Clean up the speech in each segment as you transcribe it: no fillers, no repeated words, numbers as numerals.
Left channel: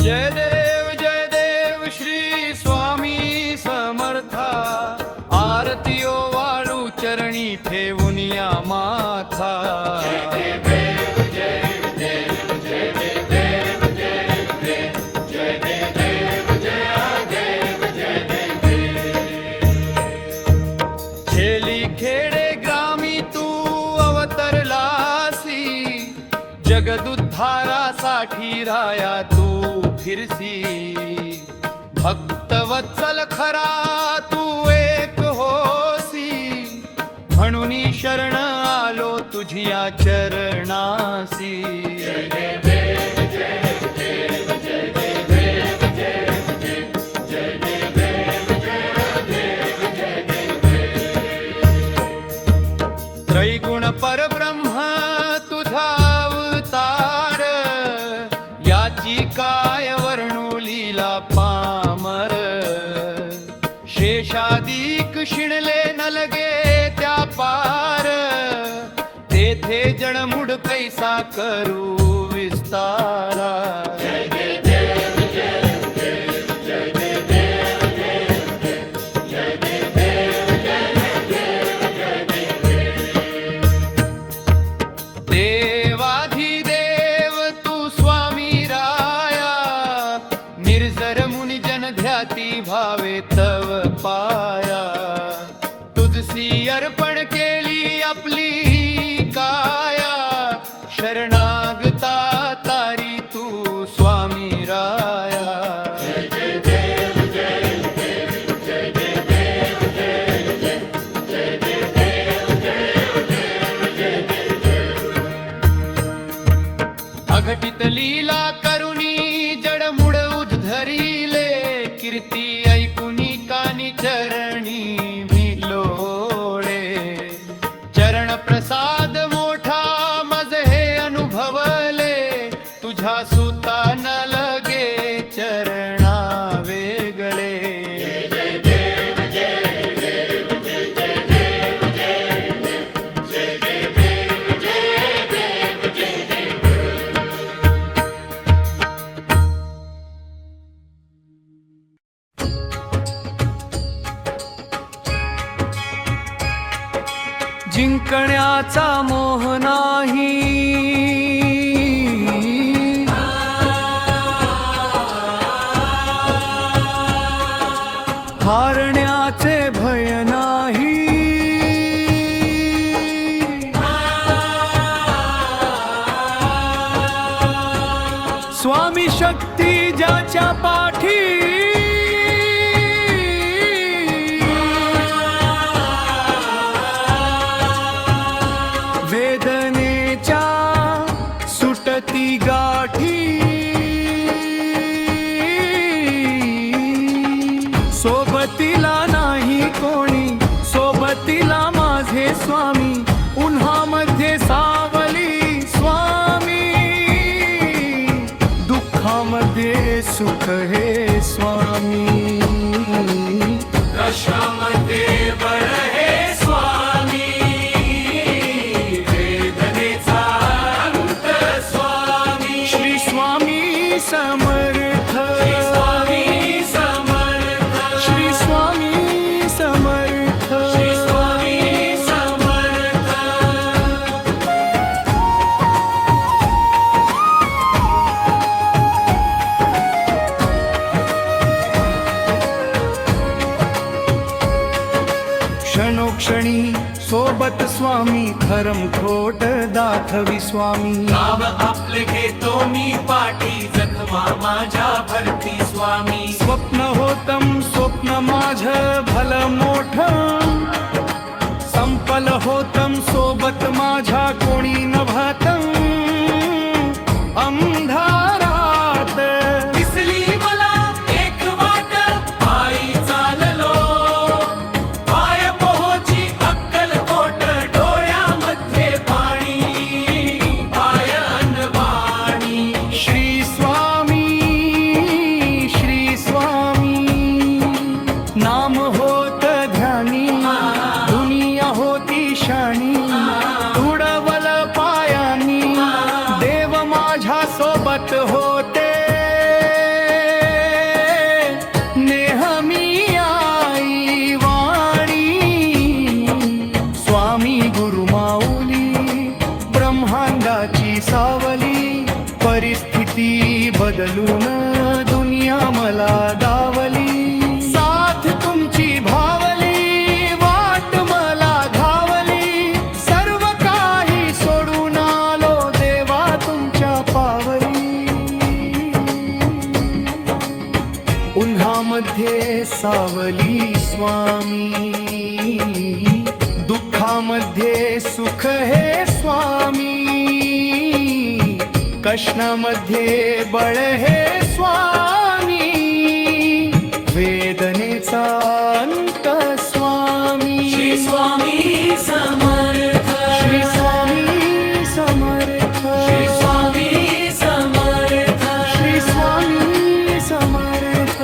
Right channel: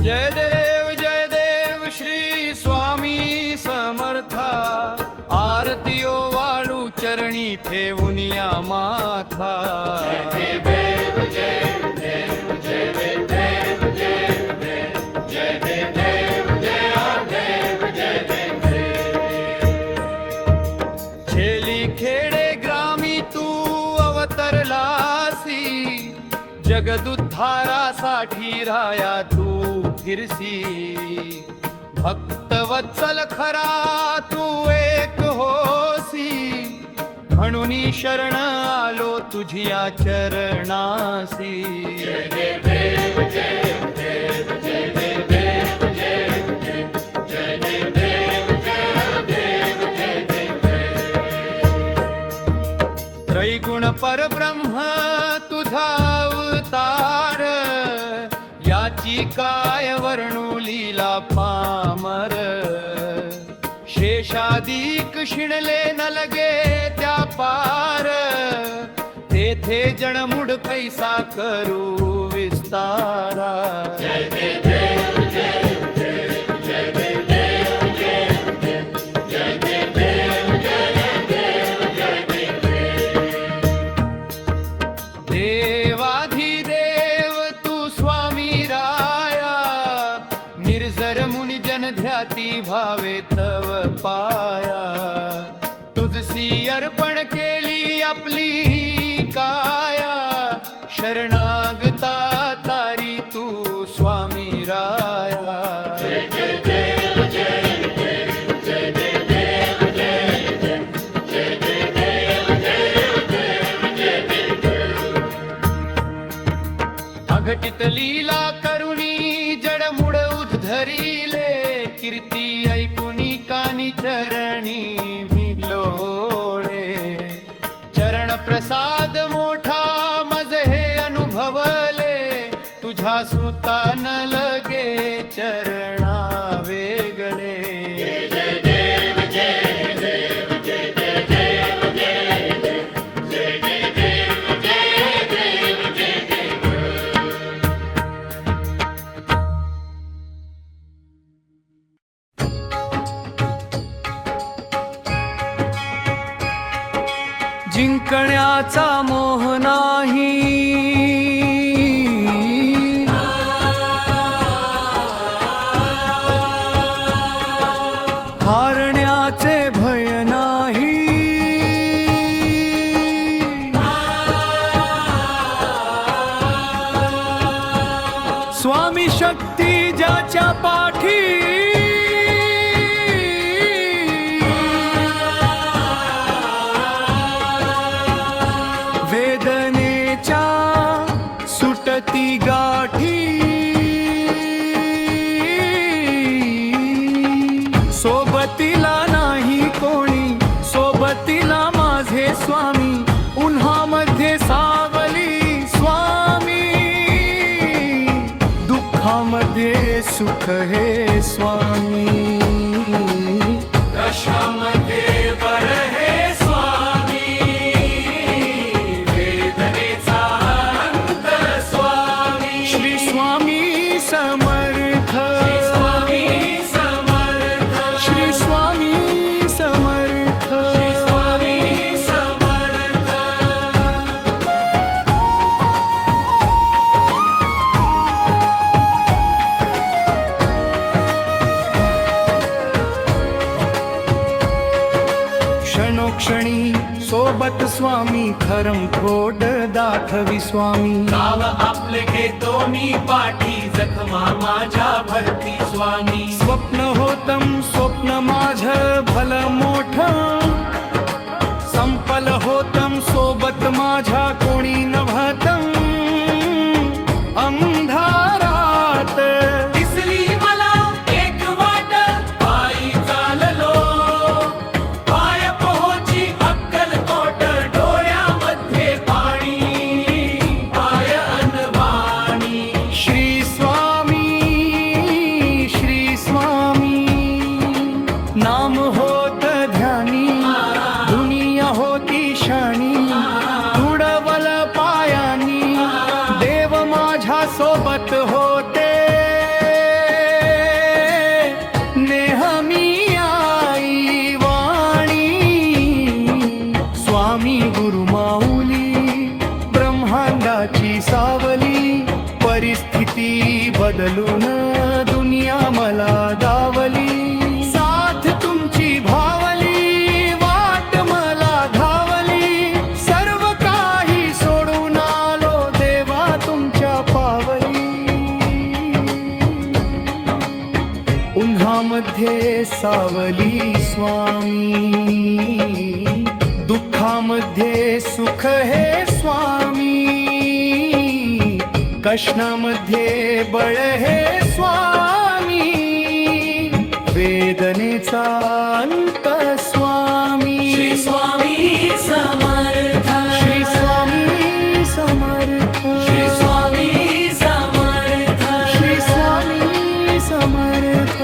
जय देव श्री स्वामी समर्था। आरतीयो वाळू चरणी ठेवून या माथा। जय देव जय देव जय देव जय देव जय देव जय देव। छेली खेडे ग्रामी तू अवतरलासी। जगदुद्धारासाठी राया तू फिरसी। भक्तवत्सल खरा तू एक होसी। म्हणून शरण आलो तुझिया चरणासी। जय देव जय देव जय देव जय देव जय देव। त्रैगुण परब्रह्म तुझा अवतार। याची काय वर्णू लीला पामर। शेषादिक शिणले न लगे त्या पार। तेथे जणमुड कैसा करू विस्तारा। जय देव जय देव जय देव जय देव। देवाधिदेव तू स्वामी राया। निर्जर मुनि जन ध्याती भावे तव पाया। तुझसी अर्पण केली आपली काया। शरणागता तारी तू स्वामी राया। जय देव जय देव जय देव जय देव। अघटित लीला करुणी जडमुड उद्धरिले। कीर्ती ऐकुनी कानी चरणी भिलोळे। चरण प्रसाद मोठा मज हे अनुभवले। तुझ्या सुता न लगे चरणा वेगळे। जय देव जय देव जय देव जय देव जय देव। जिंकण्याचा मोह नाही। हारण्याचे भय नाही। स्वामी शक्ती ज्याच्या पाठी। वेदनेच्या सुटती गाठी। सोबतीला नाही कोणी सोबतीला माझे स्वामी। उन्हामध्ये सावली स्वामी। दुःखामध्ये सुख हे स्वामी। कशामध्ये बर हे स्वामी। वेदनेचा अंत स्वामी। श्री स्वामी समर्थ। श्री स्वामी समर्थ। श्री स्वामी समर्थ। श्री स्वामी समर्थ। क्षणोक्षणी सोबत स्वामी। खरम खोट दाखवी स्वामी। गाव आपले घेतो मी पाठी। जखमा माझ्या भरती स्वामी। स्वप्न होतम स्वप्न माझ भल मोठ। संपल होतम सोबत माझ्या कोणी नभतम। अंधारात दिसली मला एक वाट। पायी चाललो पाय पोहोची अक्कलकोट। डोळ्यामध्ये पाणी पाय अनवाणी। श्री स्वामी श्री स्वामी। नाम होत ध्यानी। दुनिया होती शाणी। तुडवल पायानी। देव माझ्या सोबत होते। ब्रह्मांडाची सावली, परिस्थिती बदलून दुनिया मला दावली. साथ तुमची भावली, वाट मला घावली, सर्व काही सोडून आलो देवा तुमच्या पावली. उन्हामध्ये सावली स्वामी, दुःखामध्ये सुख हे स्वामी, कष्णामध्ये बळ हे स्वामी, वेदनेचा अंत स्वामी. श्री स्वामी समर्थ, श्री स्वामी समर्थ, श्री स्वामी समर्थ, श्री स्वामी समर्थ.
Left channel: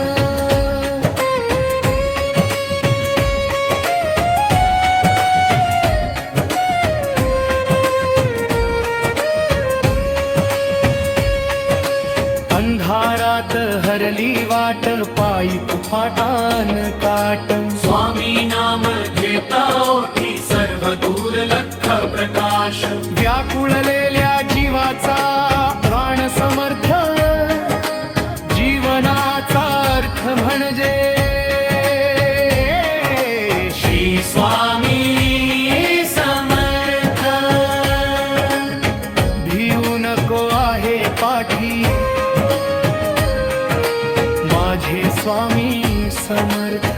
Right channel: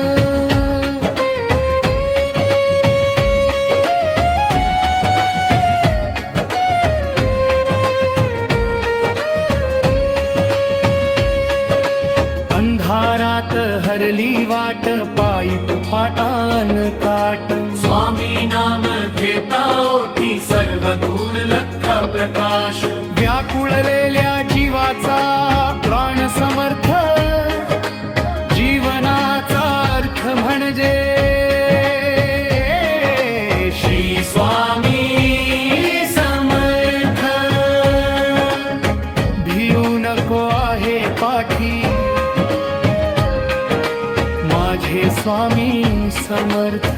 अंधारात हरली वाट, पायी फाटान काट. स्वामी नाम घेता ओठी, सर्व दूर लख प्रकाश. व्याकुळलेल्या जीवाचा प्राण समर्थ, जीवनाचा अर्थ म्हणजे श्री स्वामी समर्थ. भिऊ नको आहे पाठी, माझे स्वामी समर्थ.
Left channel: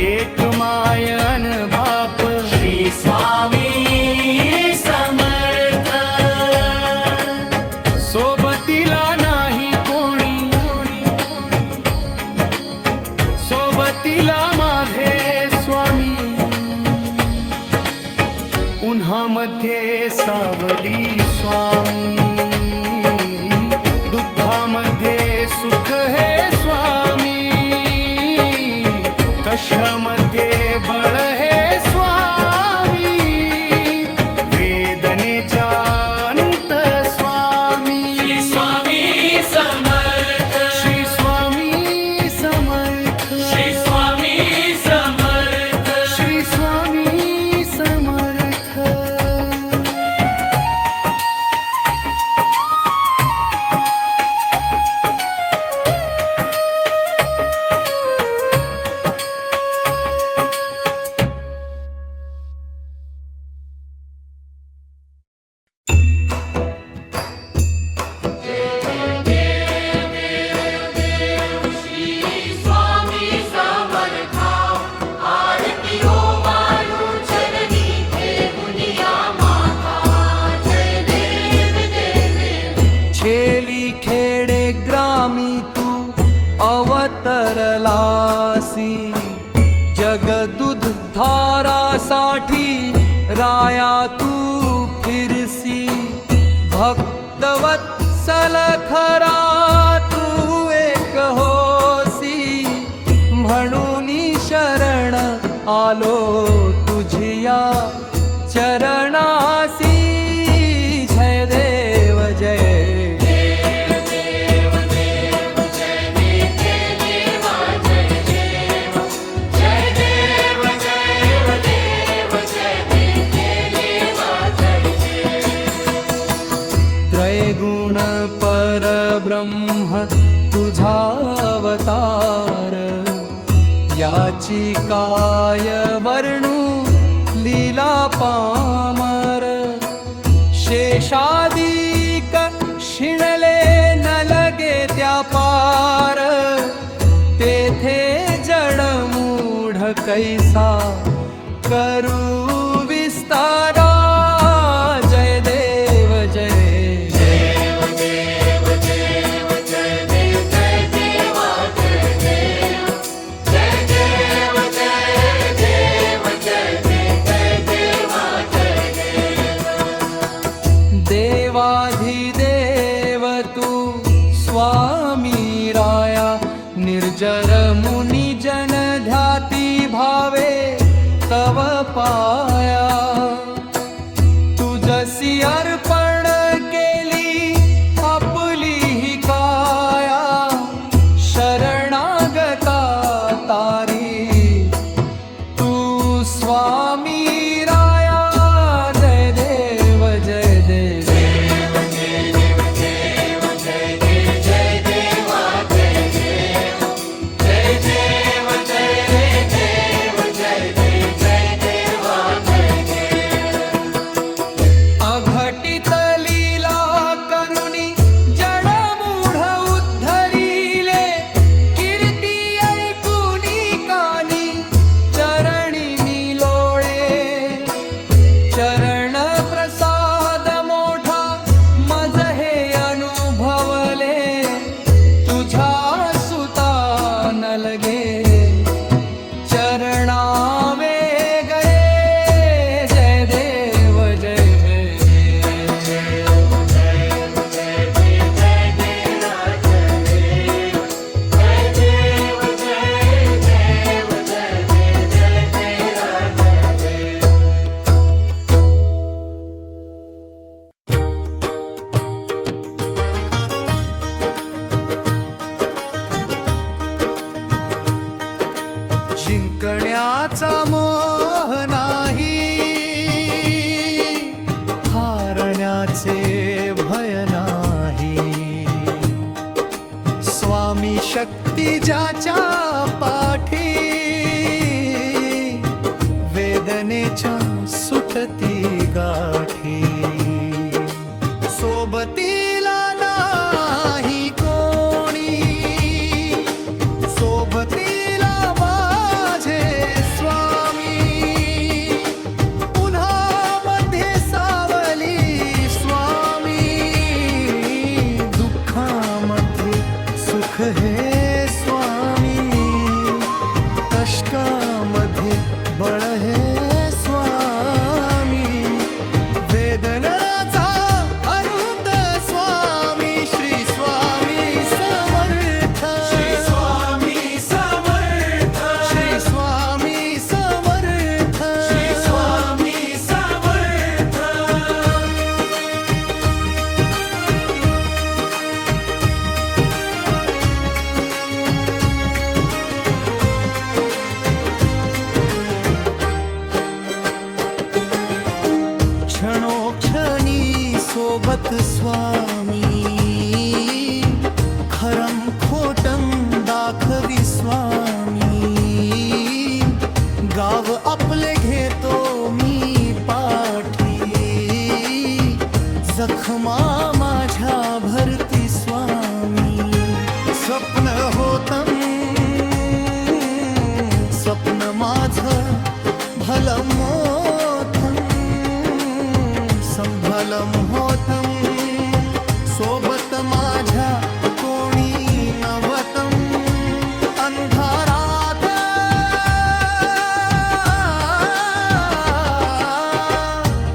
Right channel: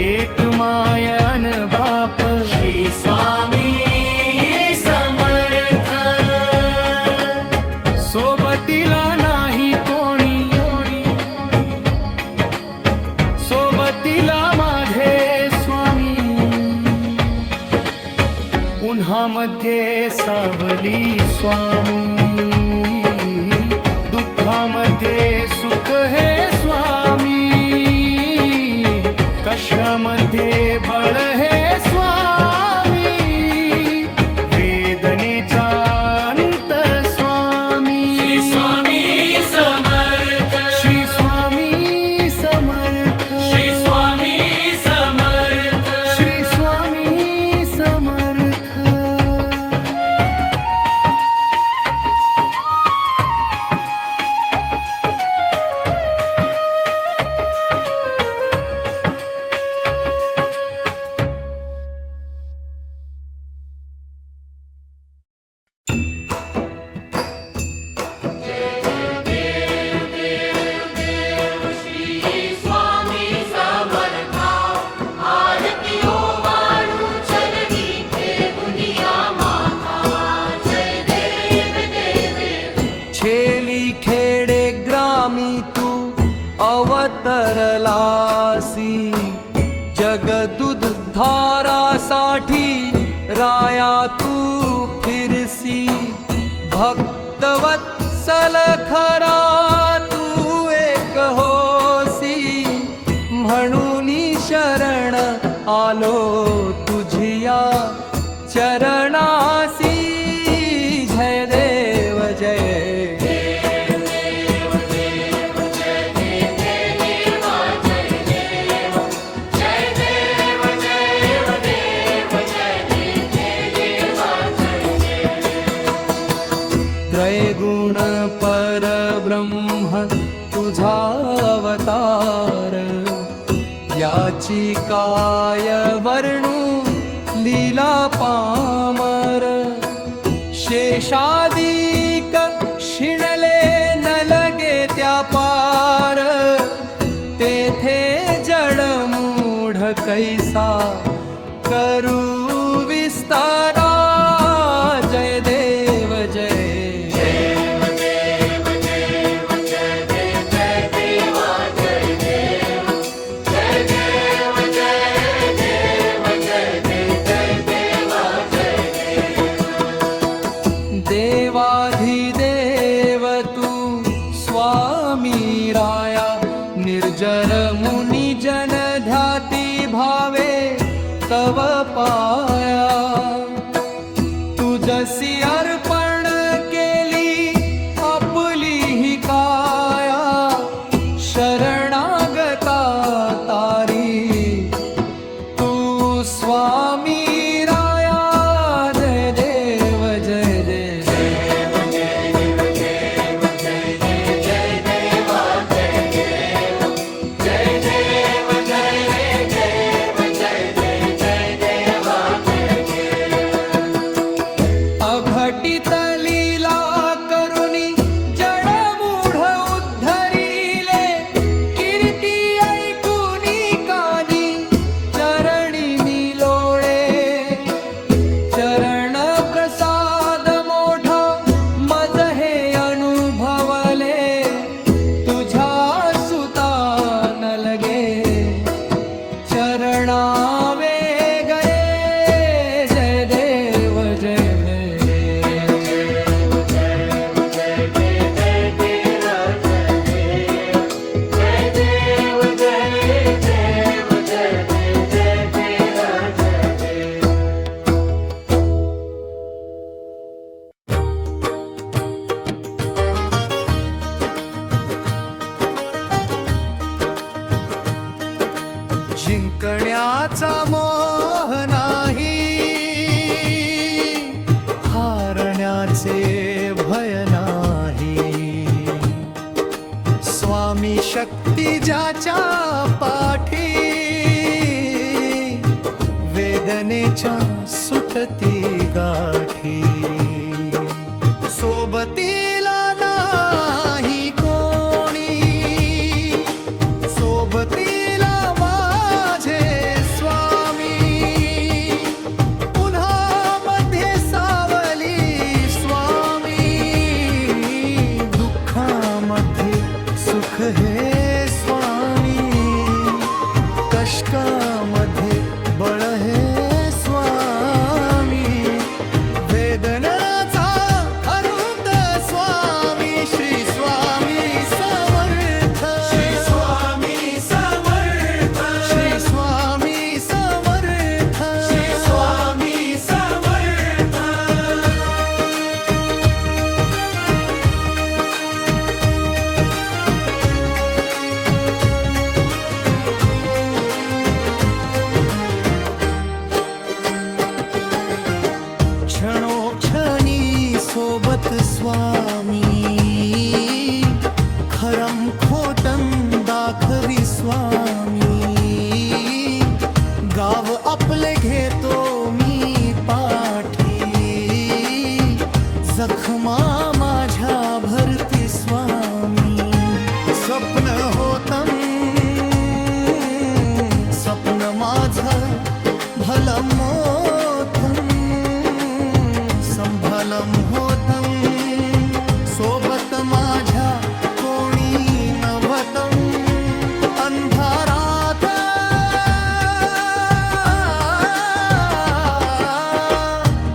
एक मायन बाप, श्री स्वामी समर्थ. सोबतीला नाही कोणी, सोबतीला माझे स्वामी. उन्हामध्ये सावली स्वामी, दुःखामध्ये सुख हे स्वामी, कष्टामध्ये बळ हे स्वामी, वेदनेचा अंत स्वामी. श्री स्वामी समर्थ, श्री स्वामी समर्थ, श्री स्वामी समर्थ, श्री स्वामी समर्थ. श्री स्वामी समर्था, आरती हो मानू चरणी, देवुनिया माता. जय देव देव. छेली खेडे ग्रामी तू अवतरलासी, जगदुद्धारासाठी राया तू फिरसी. भक्तवत्सल खरा तू एक होसी, म्हणून शरण आलो तुझिया चरणासी. जय देव जय त्रैगुण परब्रह्म तुझा अवतार, याची काय वर्णू लीला पामर. शेषादिक शिणले न लगे त्या पार, तेथे जडमूढ कैसा करू विस्तारा. जय देव जय देव. देवाधिदेव तू स्वामी राया, निर्जर मुनी जन ध्याती भावे तव पाया. तुझसी अर्पण केली आपली ही काया, शरणागता तारी तू स्वामी राया. चरण प्रसाद मोठा मज हे अनुभवले तुझ्या सुता न लगे चरणा वेगळे जय देव जय जिंकण्याचा मोह नाही हारण्याचे भय नाही स्वामी शक्ती ज्याच्या पाठी वेदनेच्या सुटती गाठी सोबतीला नाही कोणी सोबतीला माझे स्वामी उन्हामध्ये सावली स्वामी दुःखामध्ये सुख हे स्वामी कष्टामध्ये बळ हे स्वामी वेदनाचा अनंत स्वामी श्री स्वामी समर्थ श्री स्वामी समर्थ श्री स्वामी समर्थ श्री स्वामी समर्थ क्षणोक्षणी सोबत स्वामी खरम खोटम दाखवी स्वामी गाव आपले घेतो मी पाठी जखमा माझ्या भरती स्वामी स्वप्न होतं स्वप्न माझं भलं मोठं संभलम होतं सोबत माझ्या कोणी नव्हतं अंधारात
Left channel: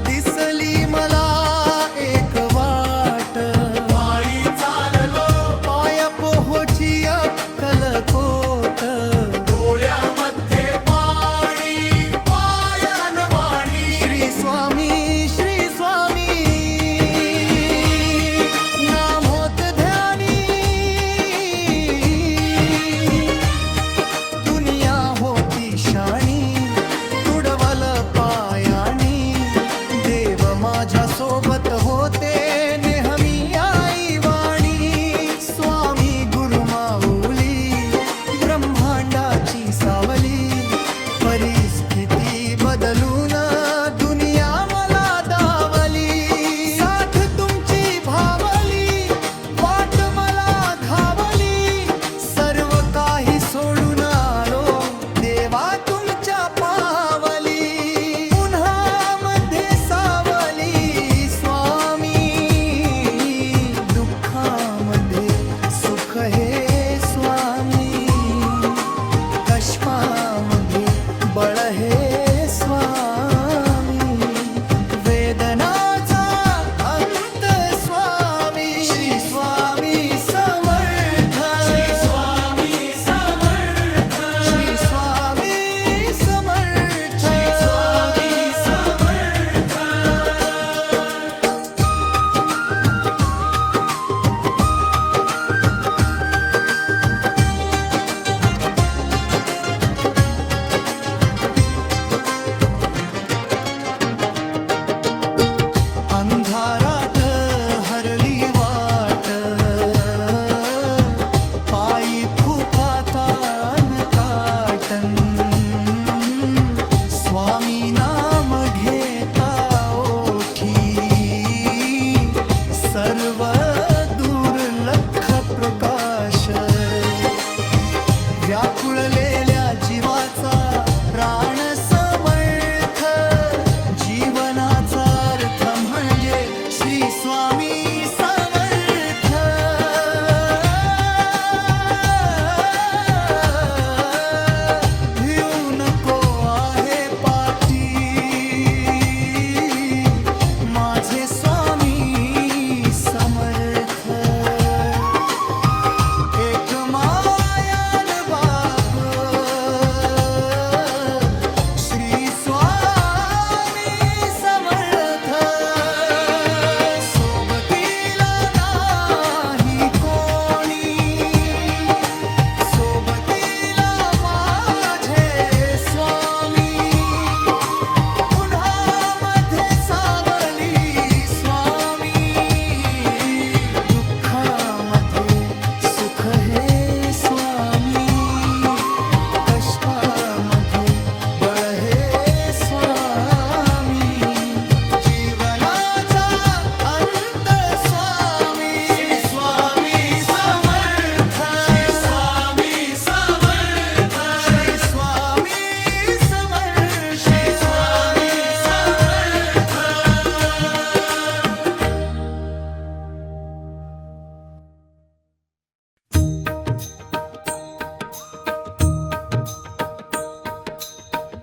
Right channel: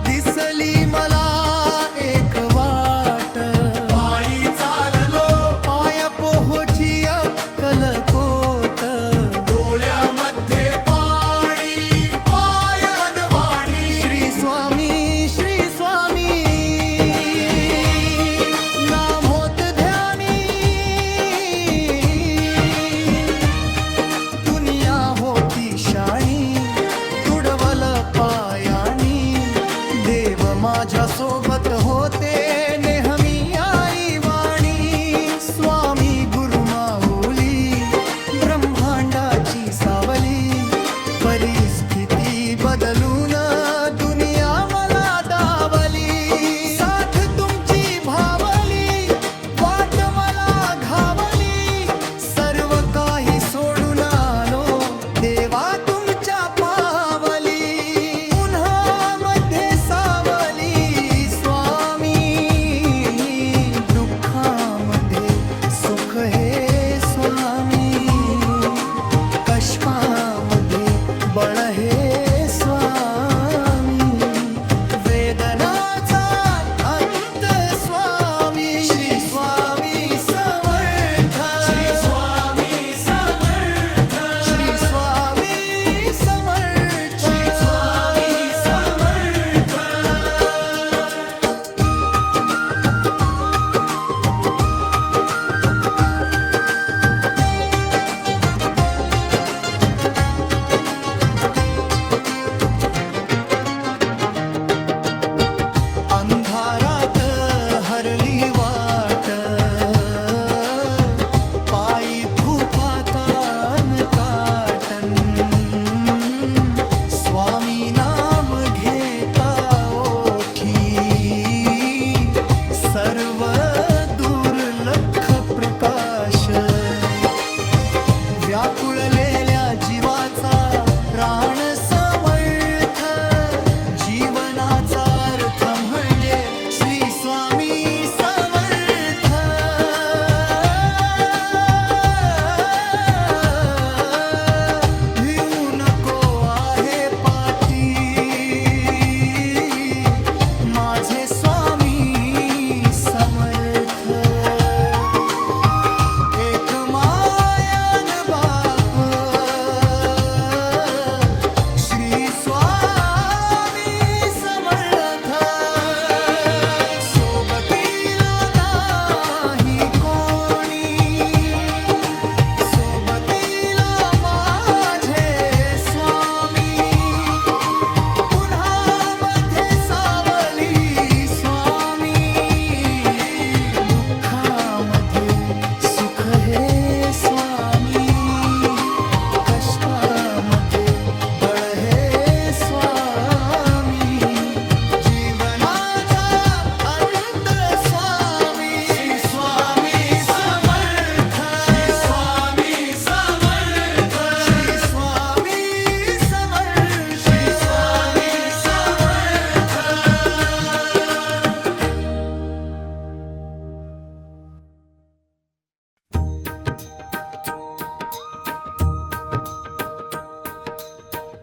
दिसली मला एक वाट पायी चाललो पाय पोहोची अक्कलकोट डोळ्यामध्ये पाणी पायान वाणी श्री स्वामी नाम होत ध्यानी दुनिया होती शाणी तुडवल पायानी देव माझ्या सोबत होते नेहमी आई वाणी स्वामी गुरु माऊली ब्रह्मांडाची सावली परिस्थिती बदलून दुनिया मला दावली साथ तुमची भावली वाट मला घावली सर्व काही सोडून आलो देवा तुमच्या पावली उन्हामध्ये सावली स्वामी दुःखामध्ये सुख हे स्वामी कष्टामध्ये बळ हे स्वामी वेदनाचा अंत स्वामी श्री स्वामी समर्थ श्री स्वामी समर्थ श्री स्वामी समर्थ श्री स्वामी समर्थ अंधारात हरली वाट पायी फुफातान काटन स्वामी नाम घेता ओठी सर्व दुर्लक्ष प्रकाश व्याकुळलेल्या जीवाचा प्राण समर्थ जीवना श्री स्वामी समर्थ भिऊ नको आहे पाठी माझे स्वामी समर्थ एक मायान बाप श्री स्वामी समर्थ सोबतीला नाही कोणी सोबतीला माझे स्वामी उन्हामध्ये सावली स्वामी दुःखामध्ये सुख हे स्वामी कष्टामध्ये बळ हे स्वामी जीवनाचा अंत स्वामी स्वामी समर्थ स्वामी समर्थ श्री स्वामी समर्थ स्वामी समर्थ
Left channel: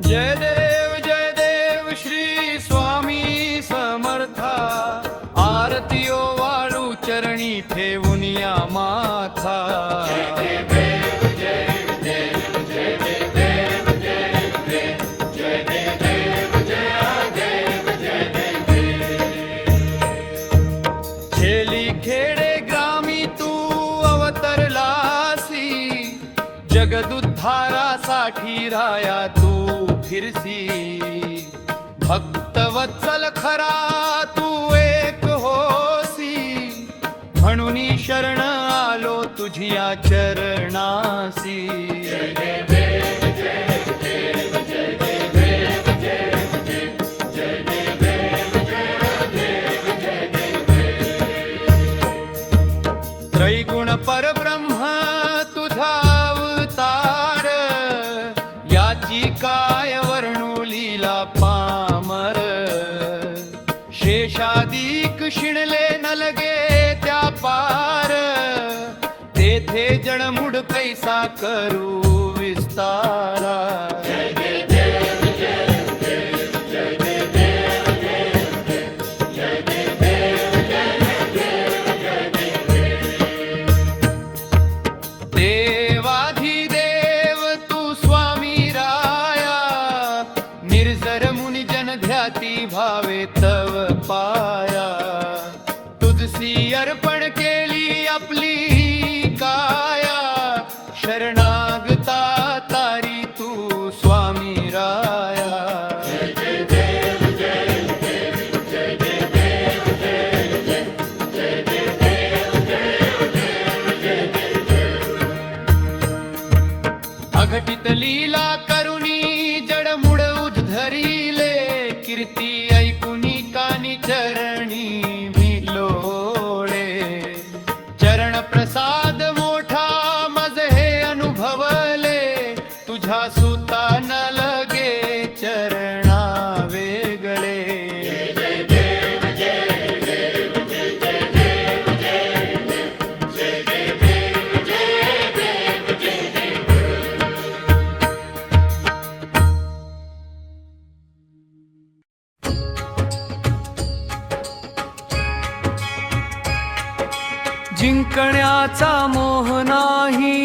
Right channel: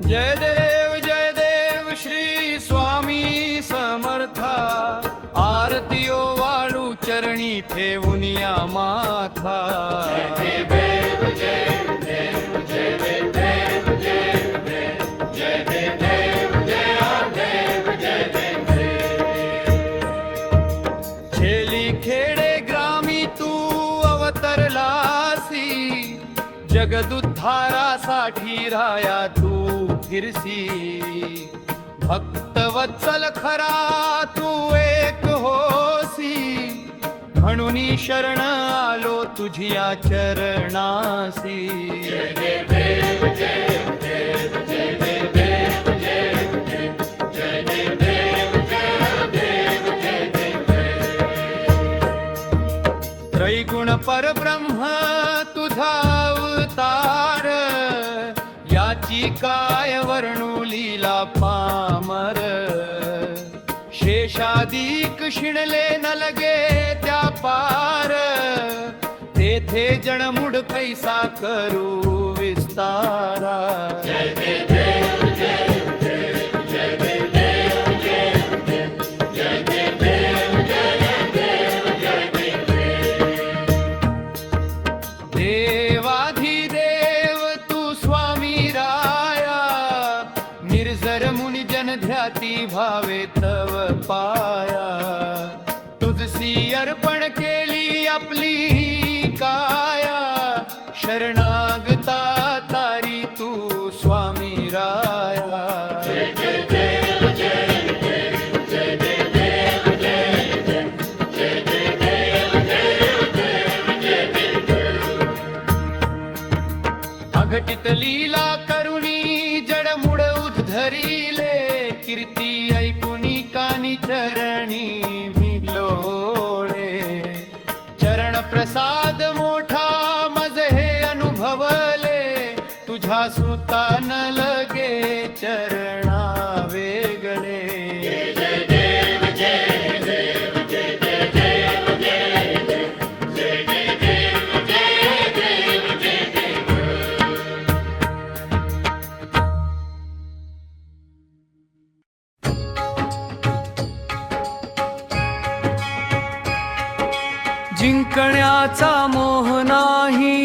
जय देव श्री स्वामी समर्था आरतीओ वाळू चरणी ठेवून या माथा खेली खेडे ग्रामी तू अवतरलासी जगदुद्धारासाठी राया तू फिरसी भक्तवत्सल खरा तू एक होसी म्हणून शरण आलो तुझिया चरणासी त्रैगुण परब्रह्म तुझा अवतार याची काय वर्णू लीला पामर शेषादिक शिणले न लगे त्या पार तेथे जणमुड कैसा करू विस्तारा देवाधिदेव तू स्वामी राया निर्जर मुनि जन ध्याती भावे तव पाया तुझसी अर्पण केली आपली काया शरणागता तारी तू स्वामी राया अघटित लीला करुणी जडमुड उद्धरिले कीर्ती ऐकुनी कानी चरणी भिलोळे चरण प्रसाद मोठा मज हे अनुभवले तुझ्या सुता न लगे चरणा वेगळे जिंकण्याचा मोह नाही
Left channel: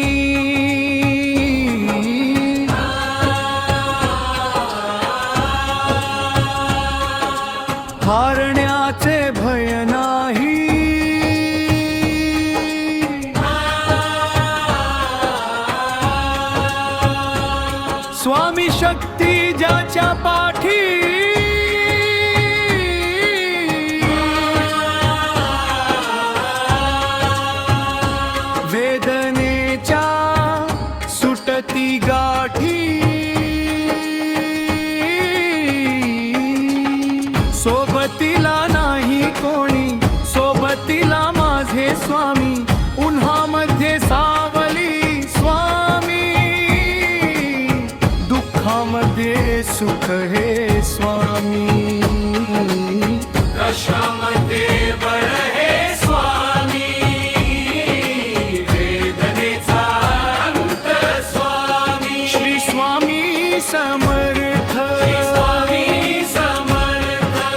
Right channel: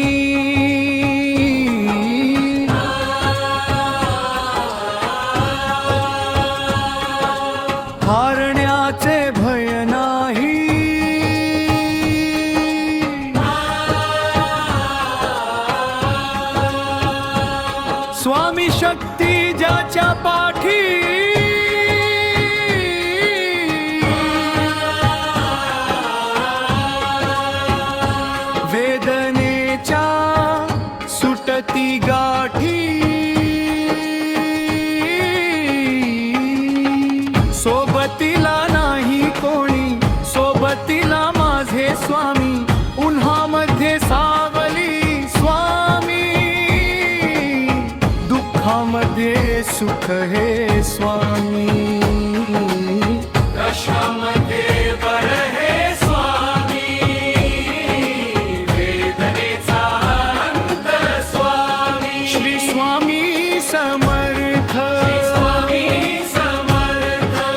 हारण्याचे भय नाही स्वामी शक्ती ज्याच्या पाठी वेदनेच्या सुटती गाठी सोबतीला नाही कोणी सोबतीला माझे स्वामी उन्हामध्ये सावली स्वामी दुःखामध्ये सुख हे स्वामी कशामध्ये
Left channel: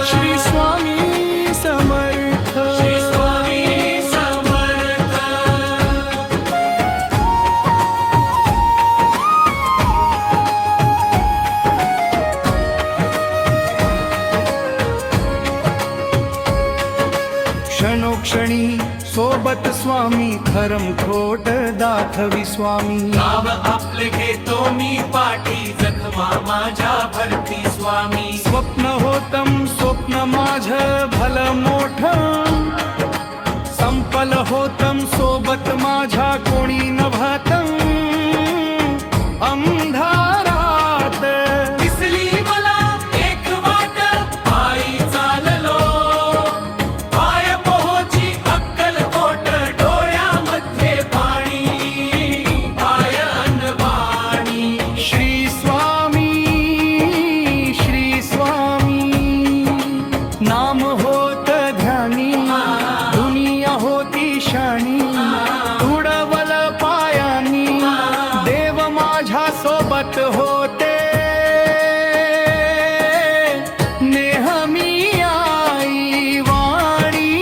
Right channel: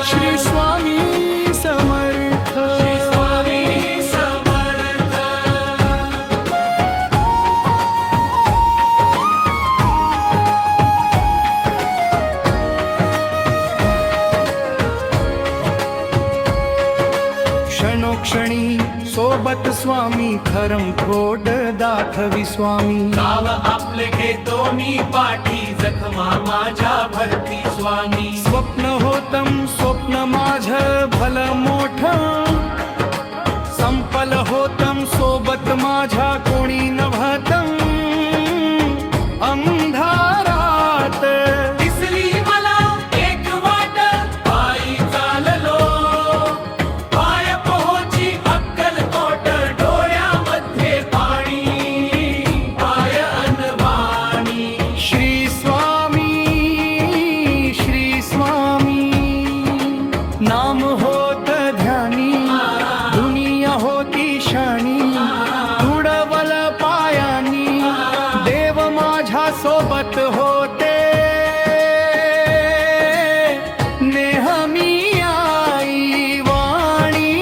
श्री स्वामी समर्थ श्री स्वामी समर्थ क्षणोक्षणी सोबत स्वामी खरम खोट दाखवी स्वामी नाव आपले घेतो मी पाठी जखमा माझ्या भरती स्वामी स्वप्न होतम स्वप्न माझ भल मोठ संपल होतम सोबत माझ्या कोणी नभतम अंधारात दिसली मला एक वाट पायी चाललो पाय पोहोची अक्कलकोट डोळ्यामध्ये पाणी पाय अनवाणी श्री स्वामी नाम होत ध्यानी दुनिया होती शाणी तुडवल पायानी देव माझ्या सोबत होते नेहमी आई वाणी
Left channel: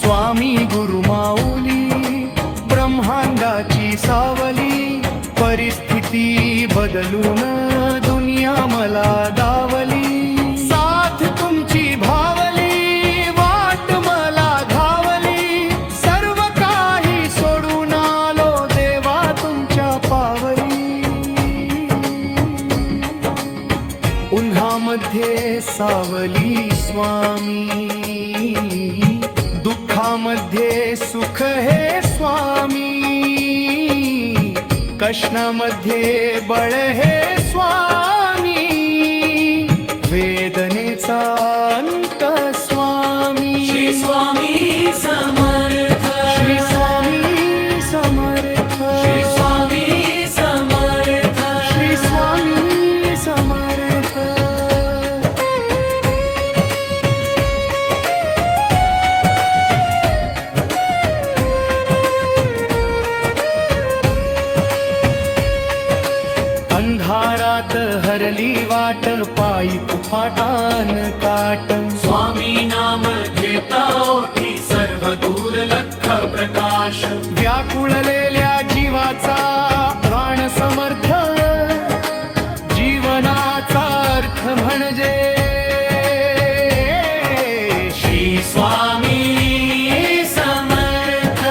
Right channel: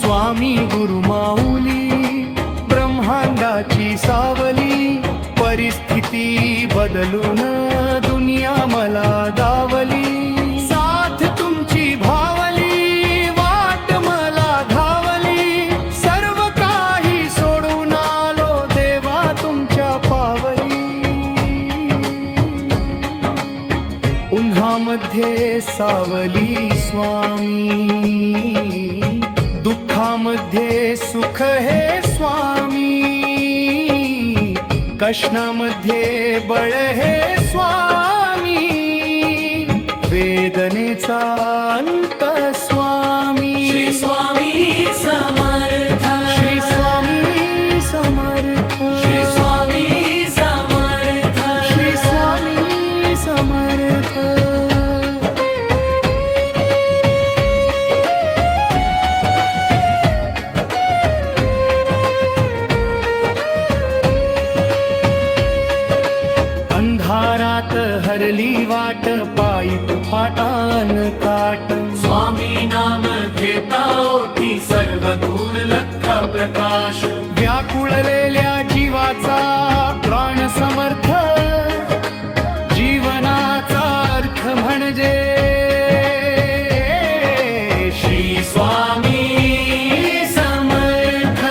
स्वामी गुरु माऊली ब्रह्मांडाची सावली परिस्थिती बदलून दुनिया मला दावली साथ तुमची भावली वाट मला धावली सर्व काही सोडून आलो देवा तुमच्या पावली उन्हामध्ये सावली स्वामी दुःखामध्ये सुख हे स्वामी कष्णामध्ये बळ हे स्वामी वेदनेचा अंत स्वामी श्री स्वामी समर्थ श्री स्वामी समर्थ श्री स्वामी समर्थ श्री स्वामी समर्थ अंधारात हरली वाट पायी फाटान काट स्वामी नाम घेता ओठी सर्व दूर लख प्रकाश व्याकुळलेल्या जीवाचा प्राण समर्थ जीवनाचा अर्थ म्हणजे श्री स्वामी समर्थ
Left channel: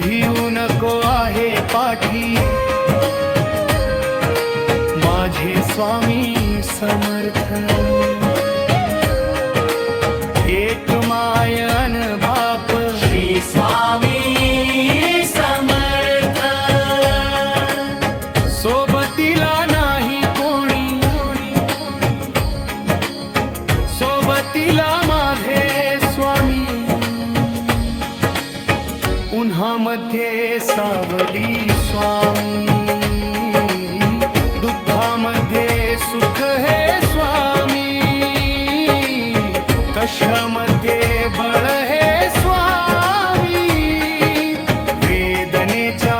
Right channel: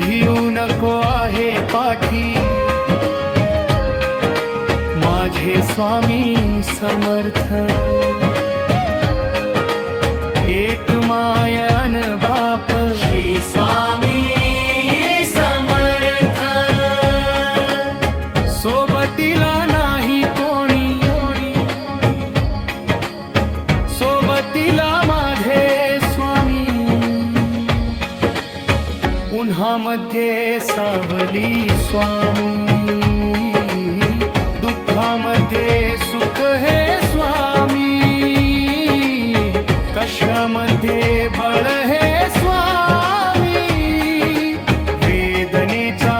भिऊ नको आहे पाठी माझे स्वामी समर्थ एक मायन बाप श्री स्वामी समर्थ सोबतीला नाही कोणी सोबतीला माझे स्वामी उन्हामध्ये सावली स्वामी दुःखामध्ये सुख हे स्वामी कशामध्ये बळ हे स्वामी वेदनेचा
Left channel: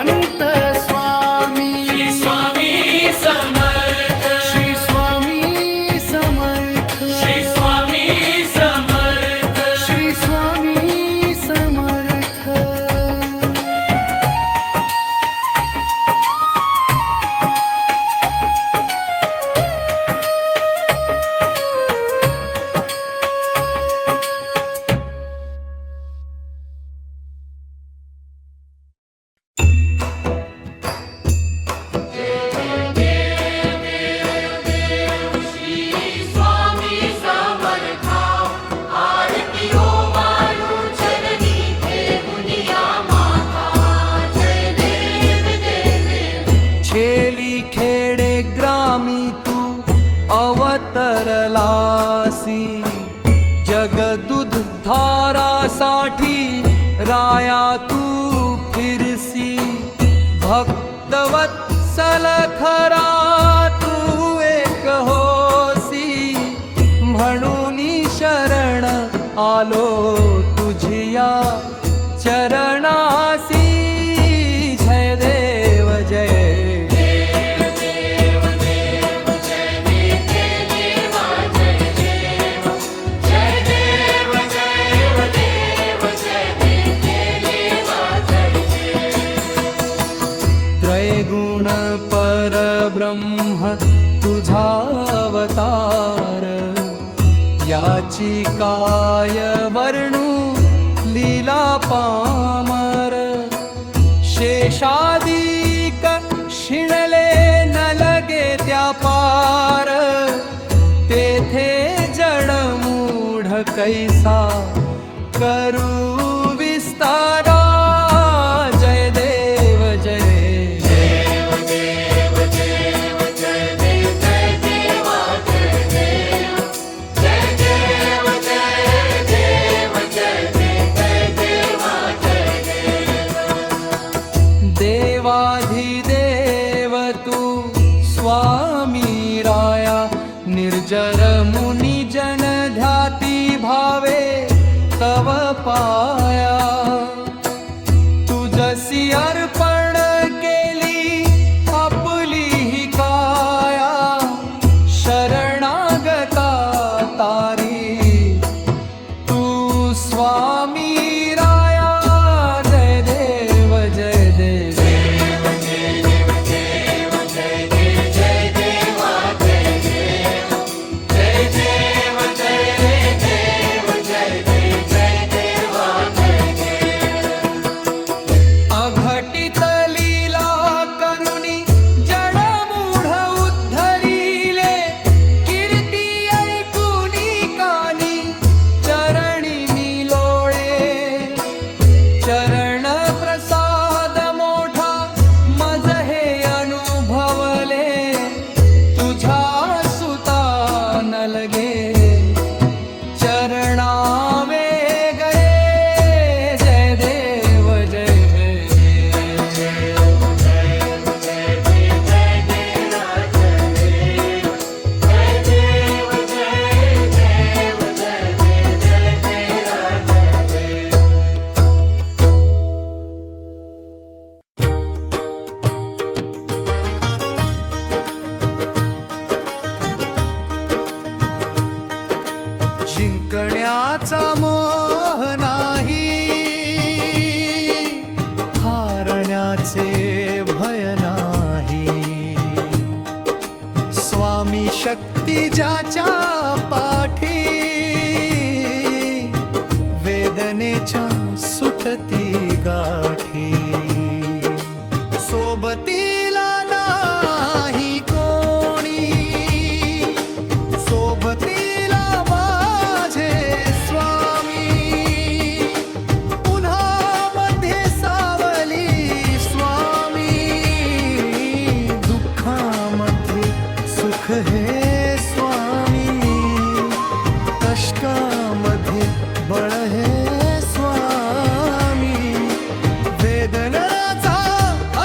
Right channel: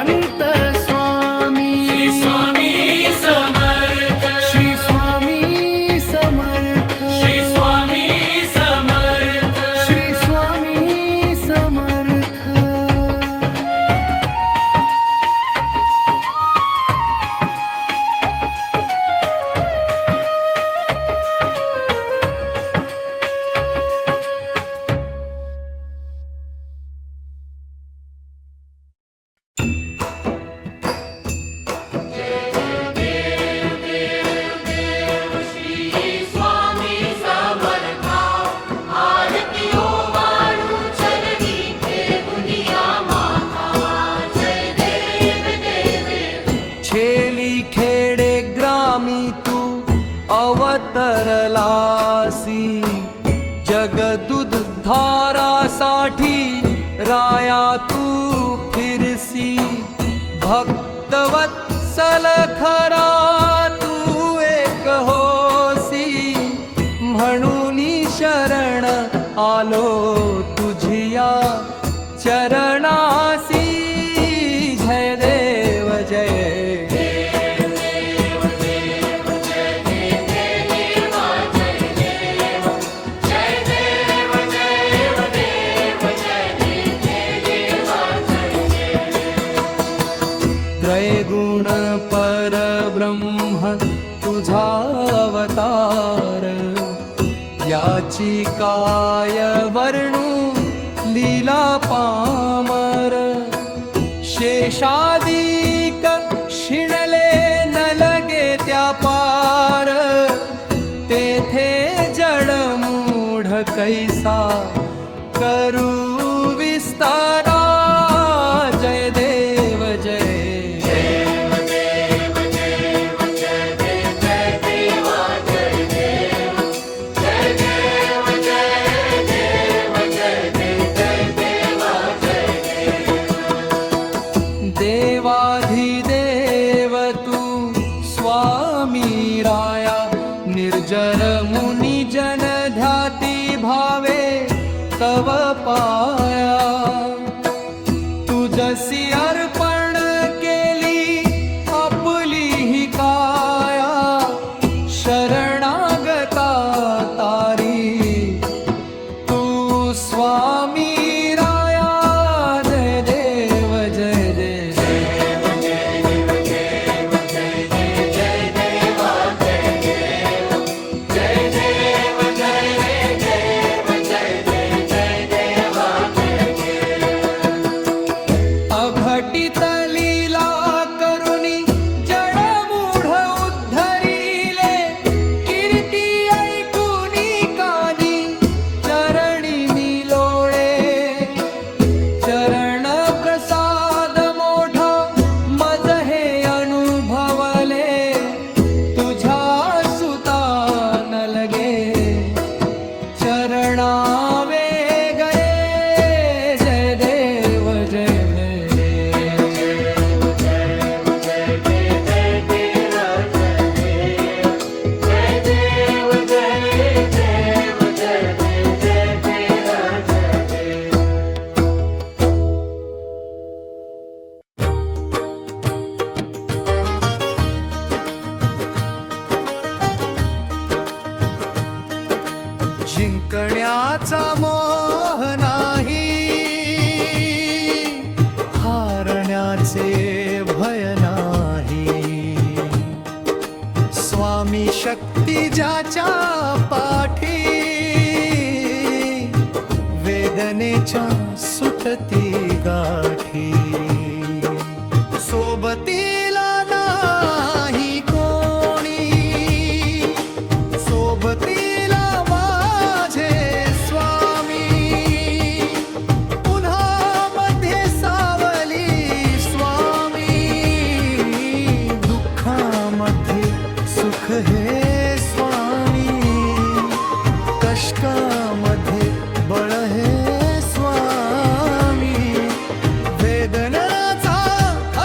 अंत स्वामी श्री स्वामी समर्थ श्री स्वामी समर्थ श्री स्वामी समर्थ श्री स्वामी समर्थ श्री स्वामी समर्था आरती हो मानू चरणी ठेवूनिया माता जय देव देव छेली खेडे ग्रामी तू अवतरलासी जगदुद्धारासाठी राया तू फिरसी भक्तवत्सल खरा तू एक होसी म्हणून शरण आलो तुझिया चरणासी जय देव जय देव देव देव जय देव निर्गुण परब्रह्म तुझा अवतार, याची काय वर्णू लीला पामर. शेषादिक शिणले न लगे त्या पार, तेथे जडमूढ कैसा करू विस्तारा. जय देव जय देव देव देव जय देव जय देवा जय देव जय देव जय देव जय देव जय देवा जय देव. देवाधिदेव तू स्वामी राया, निर्जर मुनी जन ध्याती भावे तव पाया. तुझसी अर्पण केली आपली ही काया, शरणागता तारी तू स्वामी राया. जय देव जय देव अघटित लीला करुणी जडमूढ उद्धरिले. कीर्ती ऐकुनी कानी चरणी मी लोळे. चरण प्रसाद मोठा मज हे अनुभवले. तुझ्या सुता न लगे चरणावे गरे. जय देव जय जिंकण्याचा मोह नाही, हारण्याचे भय नाही. स्वामी शक्ती ज्याच्या पाठी, वेदनेच्या सुटती गाठी. सोबतीला नाही कोणी, सोबतीला सुख हे स्वामी, कष्टामध्ये बळ हे स्वामी. वेदनाचा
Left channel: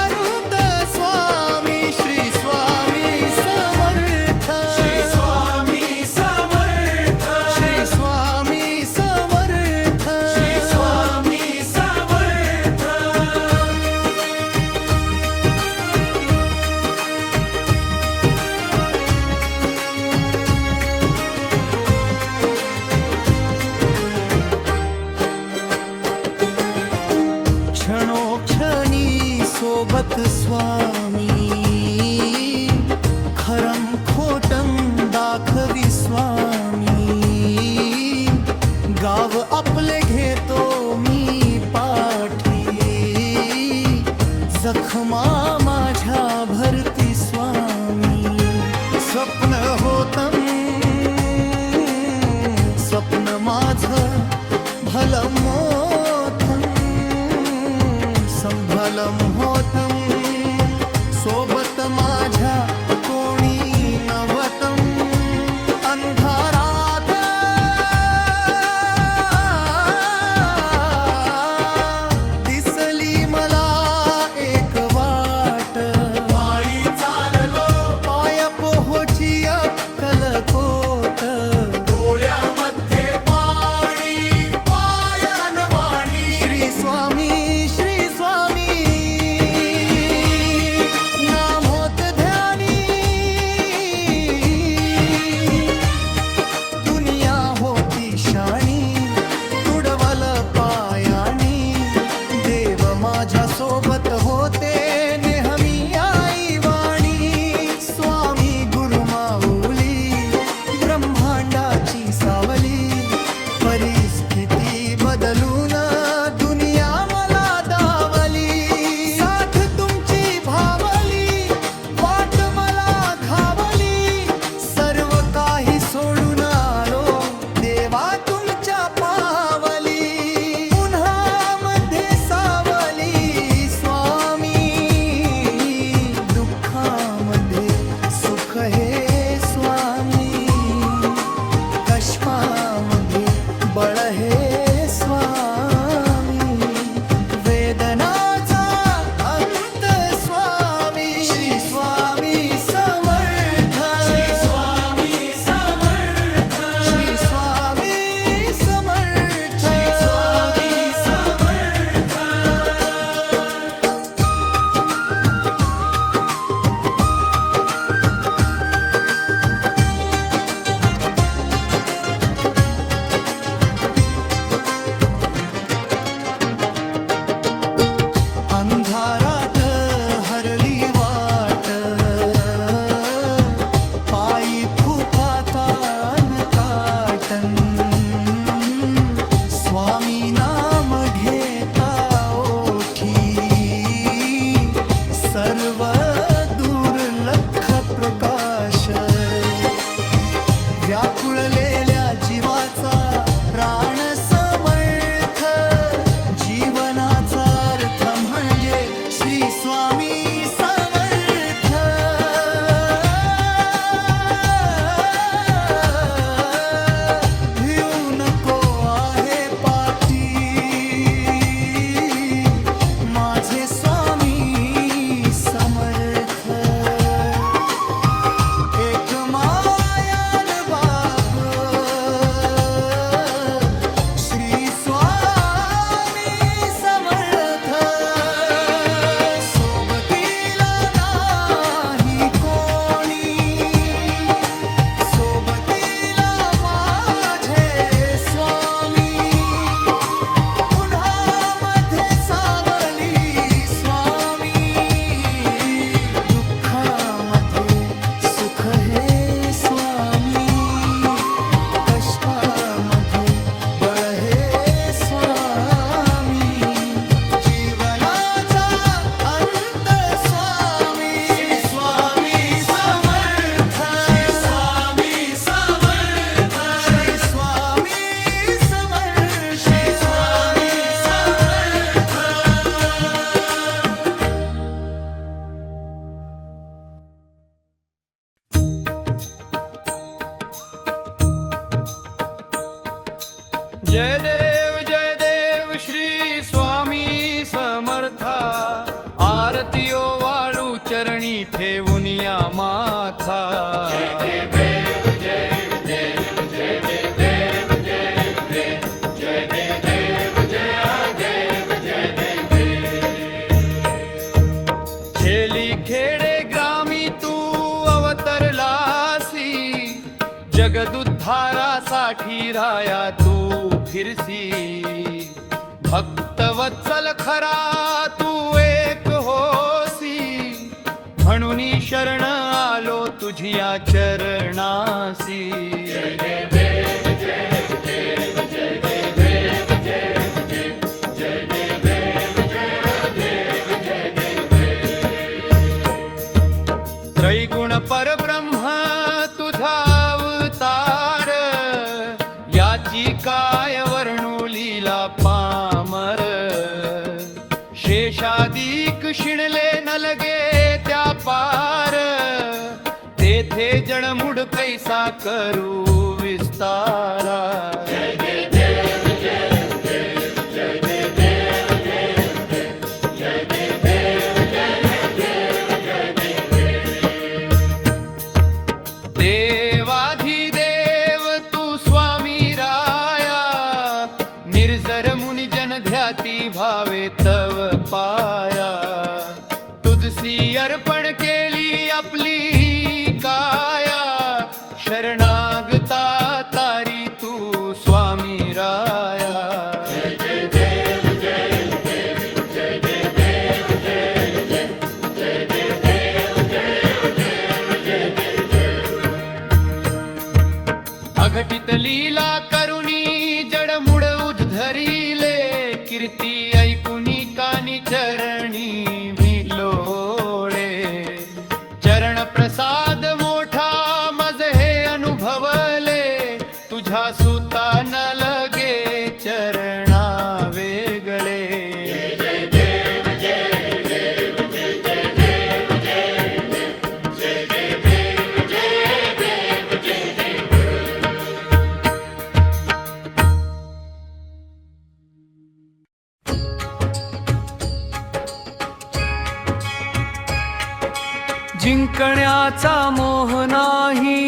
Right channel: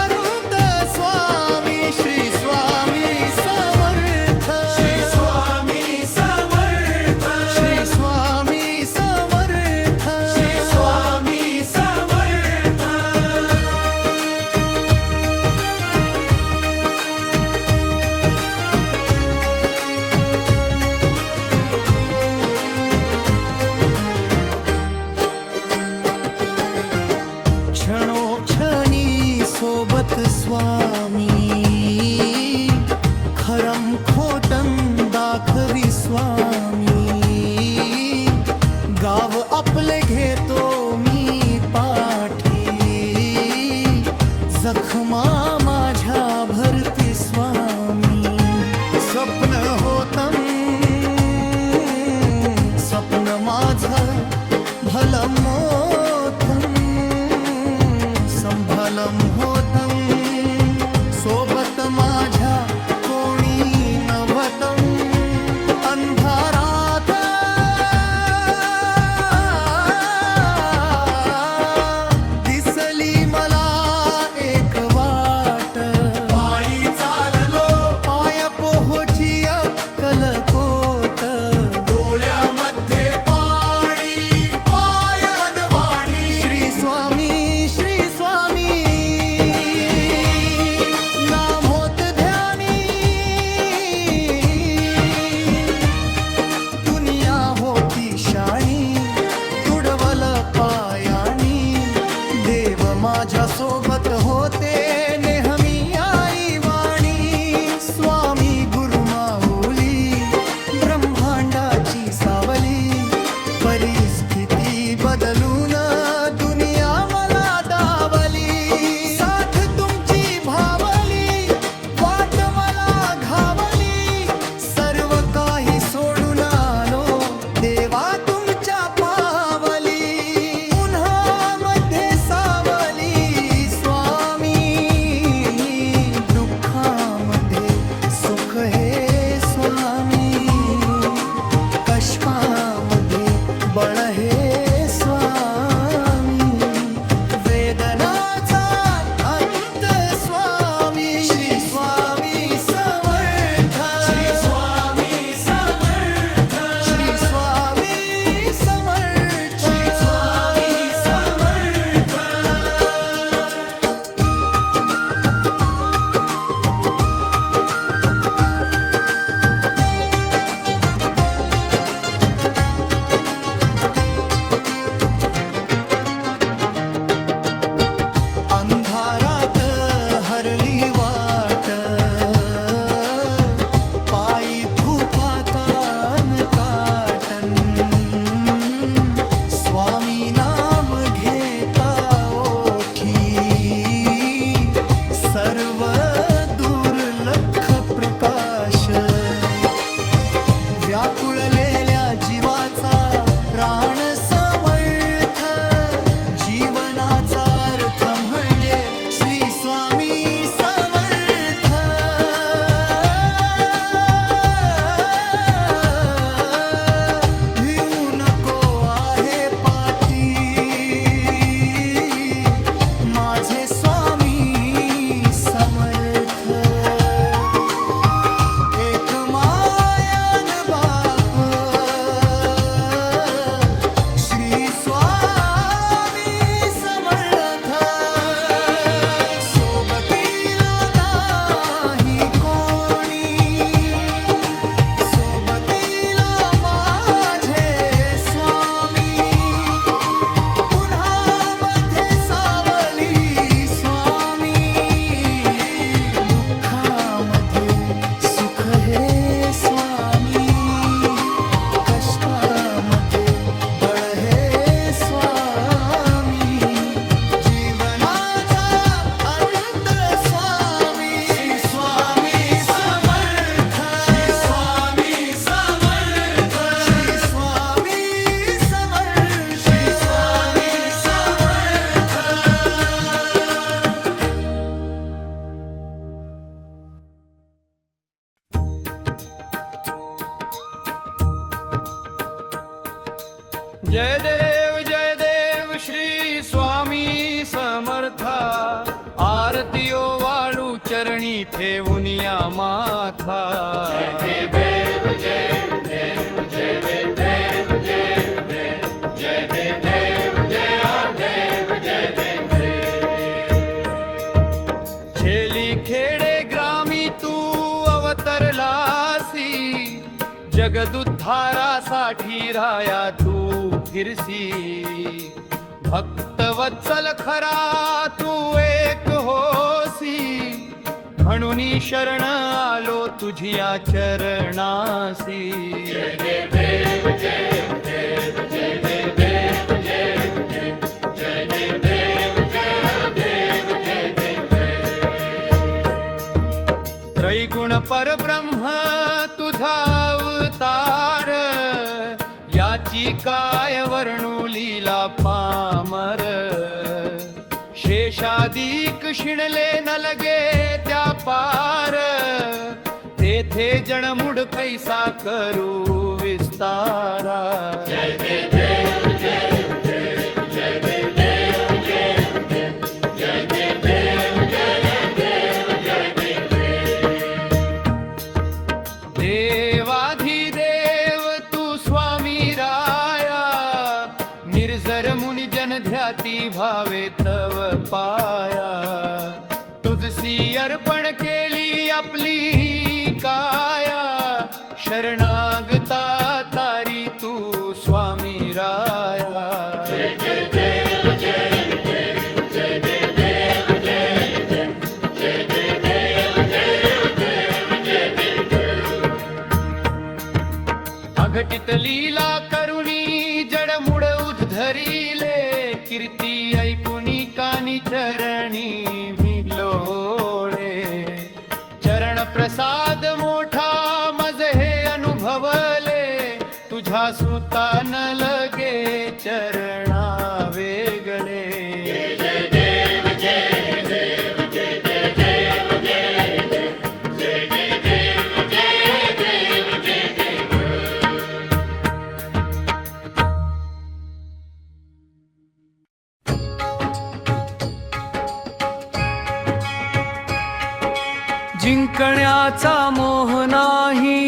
अनंत स्वामी, श्री स्वामी समर्थ. श्री स्वामी समर्थ. श्री स्वामी समर्थ. श्री स्वामी समर्थ. क्षणोक्षणी सोबत स्वामी, खरम खोटम दाखवी स्वामी. गाव आपले घेतो मी पाठी, जखमा माझ्या भरती स्वामी. स्वप्न होतं स्वप्न माझं भलं मोठं, संभलम होतं सोबत माझ्या कोणी नव्हतं. अंधारात दिसली मला एक वाट, पायी चाललो पाय पोहोची अक्कलकोट. डोळ्यामध्ये पाणी पायन वाणी. श्री स्वामी श्री स्वामी नाम होत ध्यानी. दुनिया होती शाणी, तुडवल पायानी. देव माझ्या सोबत होते नेहमी. परिस्थिती बदलून दुनिया मला दावली, साथ तुमची भावली, वाट मला घावली, सर्व काही सोडून आलो देवा तुमच्या पावली, उन्हामध्ये सावली स्वामी, दुःखामध्ये सुख हे स्वामी, कष्टामध्ये बळ हे स्वामी, वेदनाचा अंत स्वामी, श्री स्वामी समर्थ, श्री स्वामी समर्थ, श्री स्वामी समर्थ, श्री स्वामी समर्थ. अंधारात हरली वाट, पायी फुफातान काटन, स्वामी नाम घेता ओठी, सर्व दुर्लक्ष प्रकाश, व्याकुळलेल्या जीवाचा प्राण समर्थ, जीवनाचा अर्थ म्हणजे श्री स्वामी समर्थ. भिऊ नको आहे पाठी, माझे स्वामी समर्थ. एक मायान बाप श्री स्वामी समर्थ, सोबतीला नाही कोणी, सोबतीला माझे स्वामी, उन्हामध्ये सावली स्वामी, दुःखामध्ये सुख हे स्वामी, कष्टामध्ये बळ हे स्वामी, जीवनाचा अंत स्वामी, स्वामी समर्थ, स्वामी समर्थ, श्री स्वामी समर्थ, स्वामी समर्थ. जय देव श्री स्वामी समर्था, आरतीयो वाळू चरणी ठेवून या माथा. खेली खेडे ग्रामी तू अवतरलासी, जगदुद्धारासाठी राया तू फिरसी, भक्तवत्सल खरा तू एक होसी, म्हणून शरण आलो तुझिया चरणासी. त्रैगुण परब्रह्म तुझा अवतार, याची काय वर्णू लीला पामर, शेषादिक शिणले न लगे त्या पार, तेथे जणमुड कैसा करू विस्तारा. देवाधिदेव तू स्वामी राया, निर्जर मुनी जन ध्याती भावे तव पाया, तुझसी अर्पण केली आपली काया, शरणागता तारी तू स्वामी राया. अघटित लीला करुणी जड धरिले कीर्ती ऐकुनी कानी चरणी भिलोळे चरण प्रसाद मोठा मज हे अनुभवले तुझ्या सुता न लगे चरणा वेगळे जिंकण्याचा मोह नाही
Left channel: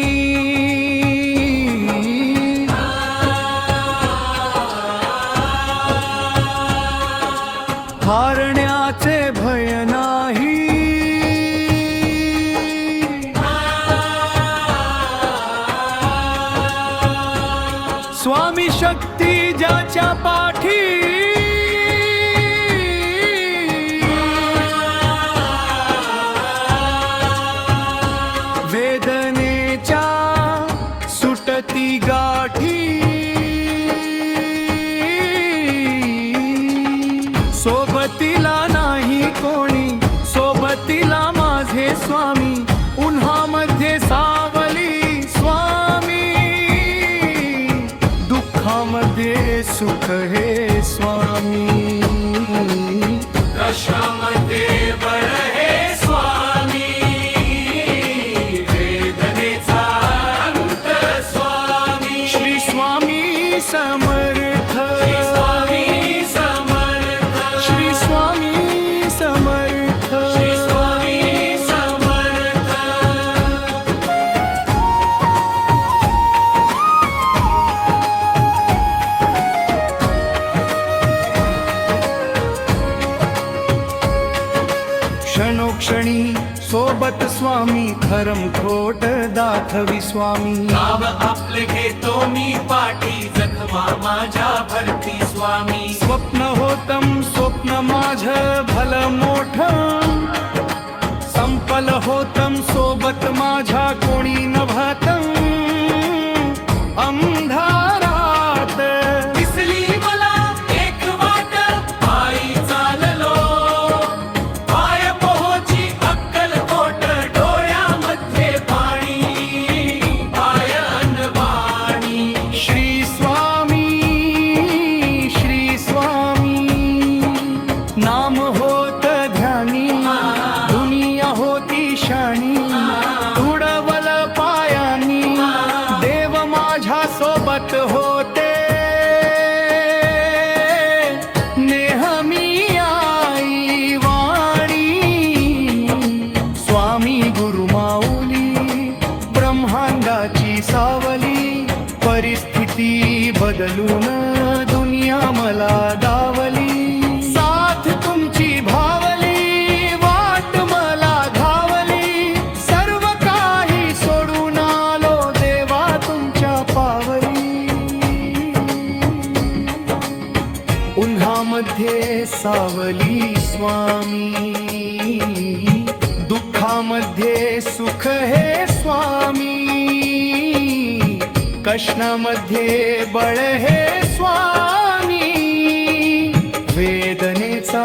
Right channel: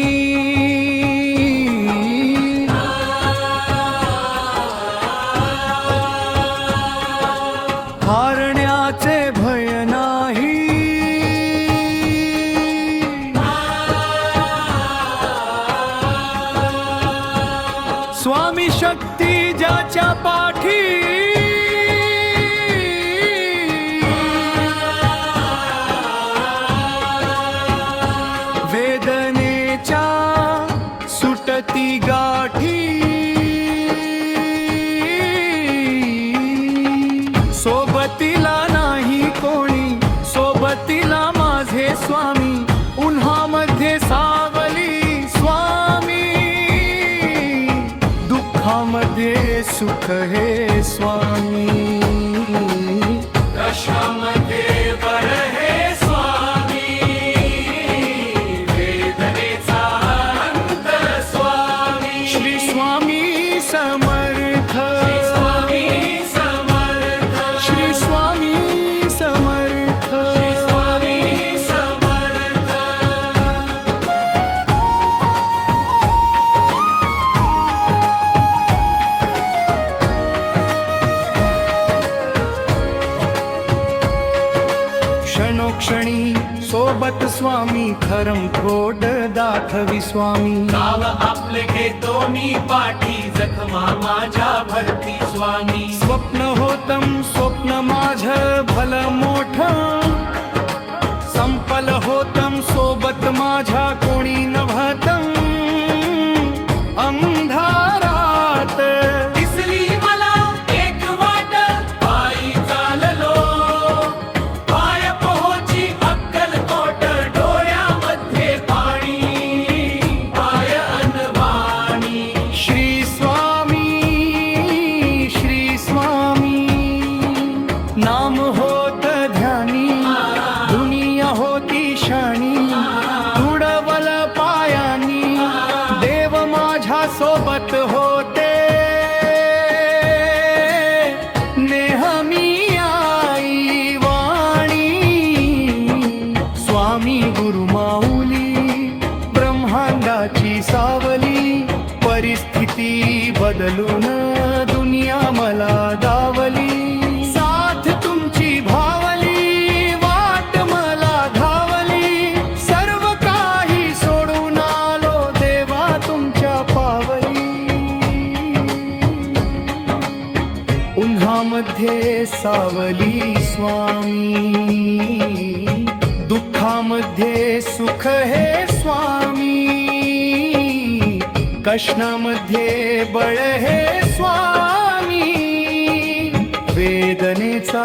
हारण्याचे भय नाही स्वामी शक्ती ज्याच्या पाठी वेदनेच्या सुटती गाठी सोबतीला नाही कोणी सोबतीला माझे स्वामी उन्हामध्ये सावली स्वामी दुःखामध्ये सुख हे स्वामी कशामध्ये बळ हे स्वामी वेदनेचा अंत स्वामी श्री स्वामी समर्थ स्वामी समर्थ श्री स्वामी समर्थ श्री स्वामी समर्थ क्षणोक्षणी सोबत स्वामी खरम खोट दाखवी स्वामी गाव आपले घेतो मी पाठी जखमा माझ्या भरती स्वामी स्वप्न होतम स्वप्न माझ भल मोठ संपल होतम सोबत माझ्या कोणी नभतम अंधारात दिसली मला एक वाट पायी चाललो पाय पोहोची अक्कलकोट डोळ्यामध्ये पाणी पाय अनवाणी श्री स्वामी नाम होत ध्यानी दुनिया होती शानी तुडवल पायानी देव माझ्या सोबत होते नेहमी आई वाणी स्वामी गुरु माऊली ब्रह्मांडाची सावली परिस्थिती बदलून दुनिया मला दावली साथ तुमची भावली वाट मला धावली सर्व काही सोडून आलो देवा तुमच्या पावली उन्हामध्ये सावली स्वामी दुःखामध्ये सुख हे स्वामी कष्णामध्ये बळ हे स्वामी वेदनेचा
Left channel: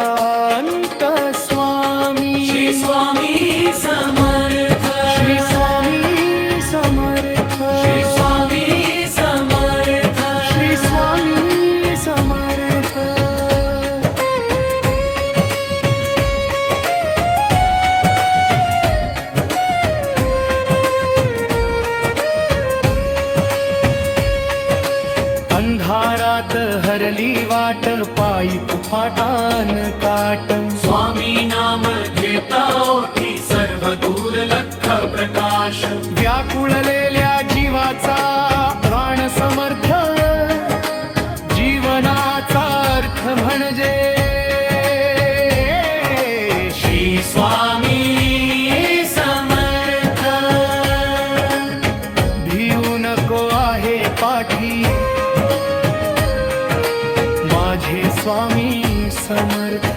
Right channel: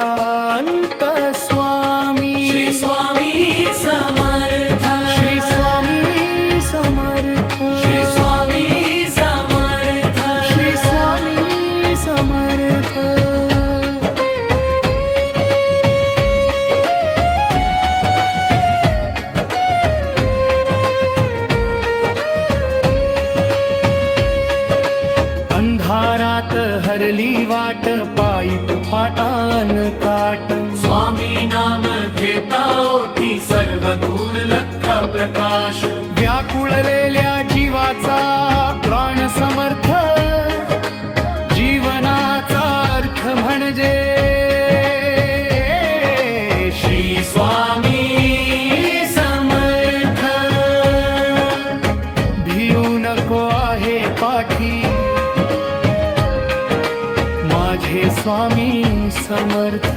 अंत स्वामी श्री स्वामी समर्थ श्री स्वामी समर्थ श्री स्वामी समर्थ श्री स्वामी समर्थ अंधारात हरली वाट पायी फाटान काट स्वामी नाम घेता ओठी सर्व दूर लख प्रकाश व्याकुळलेल्या जीवाचा प्राण समर्थ जीवनाचा अर्थ म्हणजे श्री स्वामी समर्थ भिऊ नको आहे पाठी माझे स्वामी समर्थ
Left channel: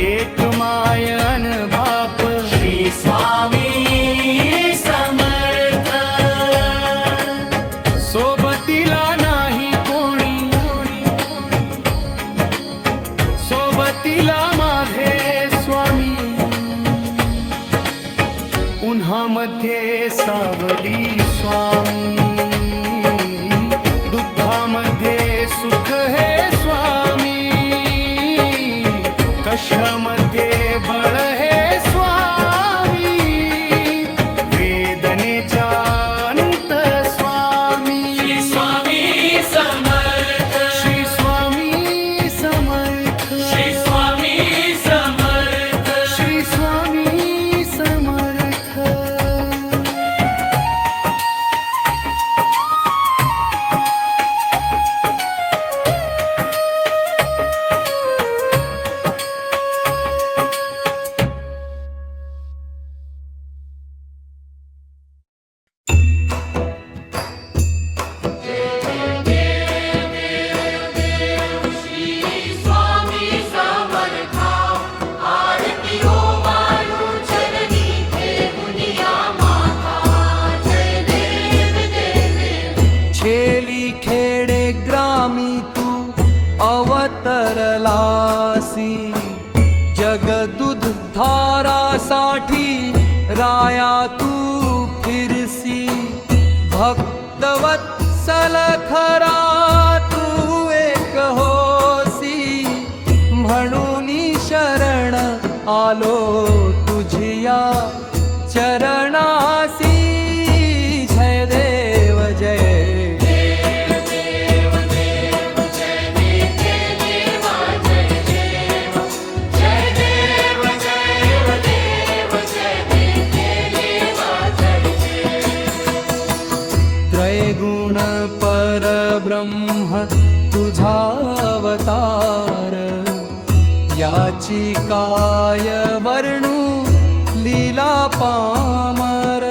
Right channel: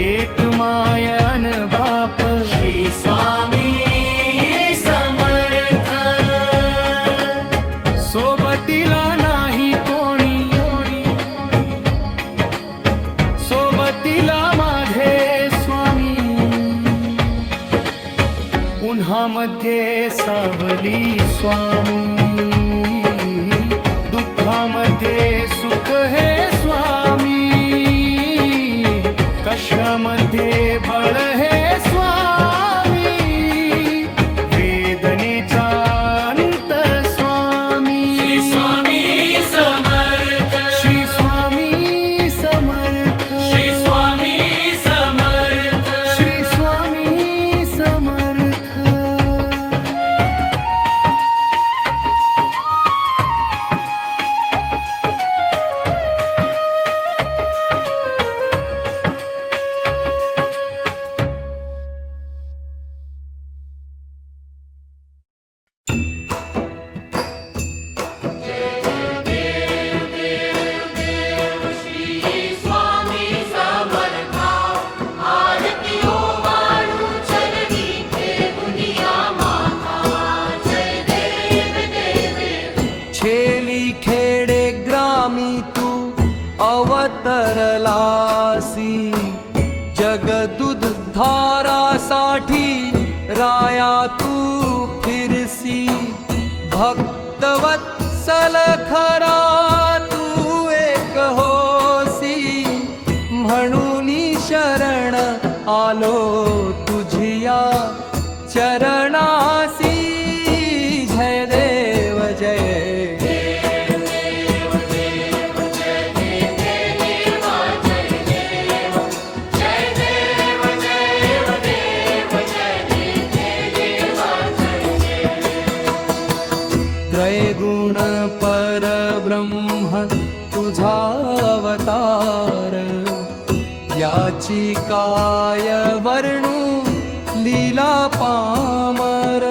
एक मायन बाप श्री स्वामी समर्थ सोबतीला नाही सोबतीला माझे स्वामी, उन्हामध्ये सावली स्वामी, दुःखामध्ये सुख हे स्वामी, कशामध्ये बळ हे स्वामी, वेदनेचा अंत स्वामी. श्री स्वामी समर्थ, श्री स्वामी समर्थ, श्री स्वामी समर्थ, श्री स्वामी समर्थ. श्री स्वामी समर्था, आरती हो मानू चरणी ठेवूनिया माता. जय देव देव. छेली खेडे ग्रामी तू अवतरलासी, जगदुध धारासाठी राया तू फिरसी. भक्तवत्सल खरा तू एक होसी, म्हणून शरण आलो तुझिया चरणासी. जय देव जय देव देव देव जय देव जय देव. जय देव जय देव जय देव जय देव. त्रैगुण परब्रह्म तुझा अवतार, याची काय वर्णू लीला पामर.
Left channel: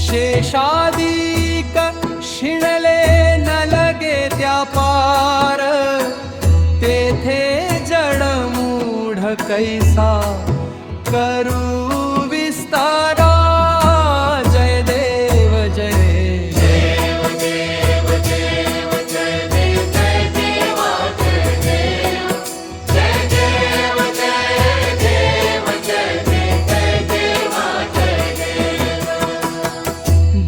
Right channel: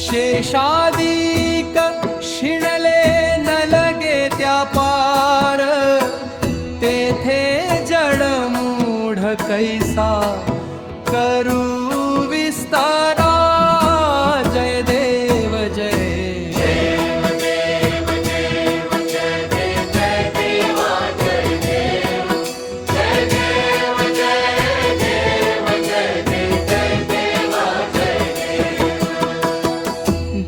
शेषादिक शिणले न लगे त्या पार, तेथे जडमूढ कैसा करू विस्तारा. जय देव जय देव देव देव जय देव जय देव. जय देव जय देव जय देव जय देव.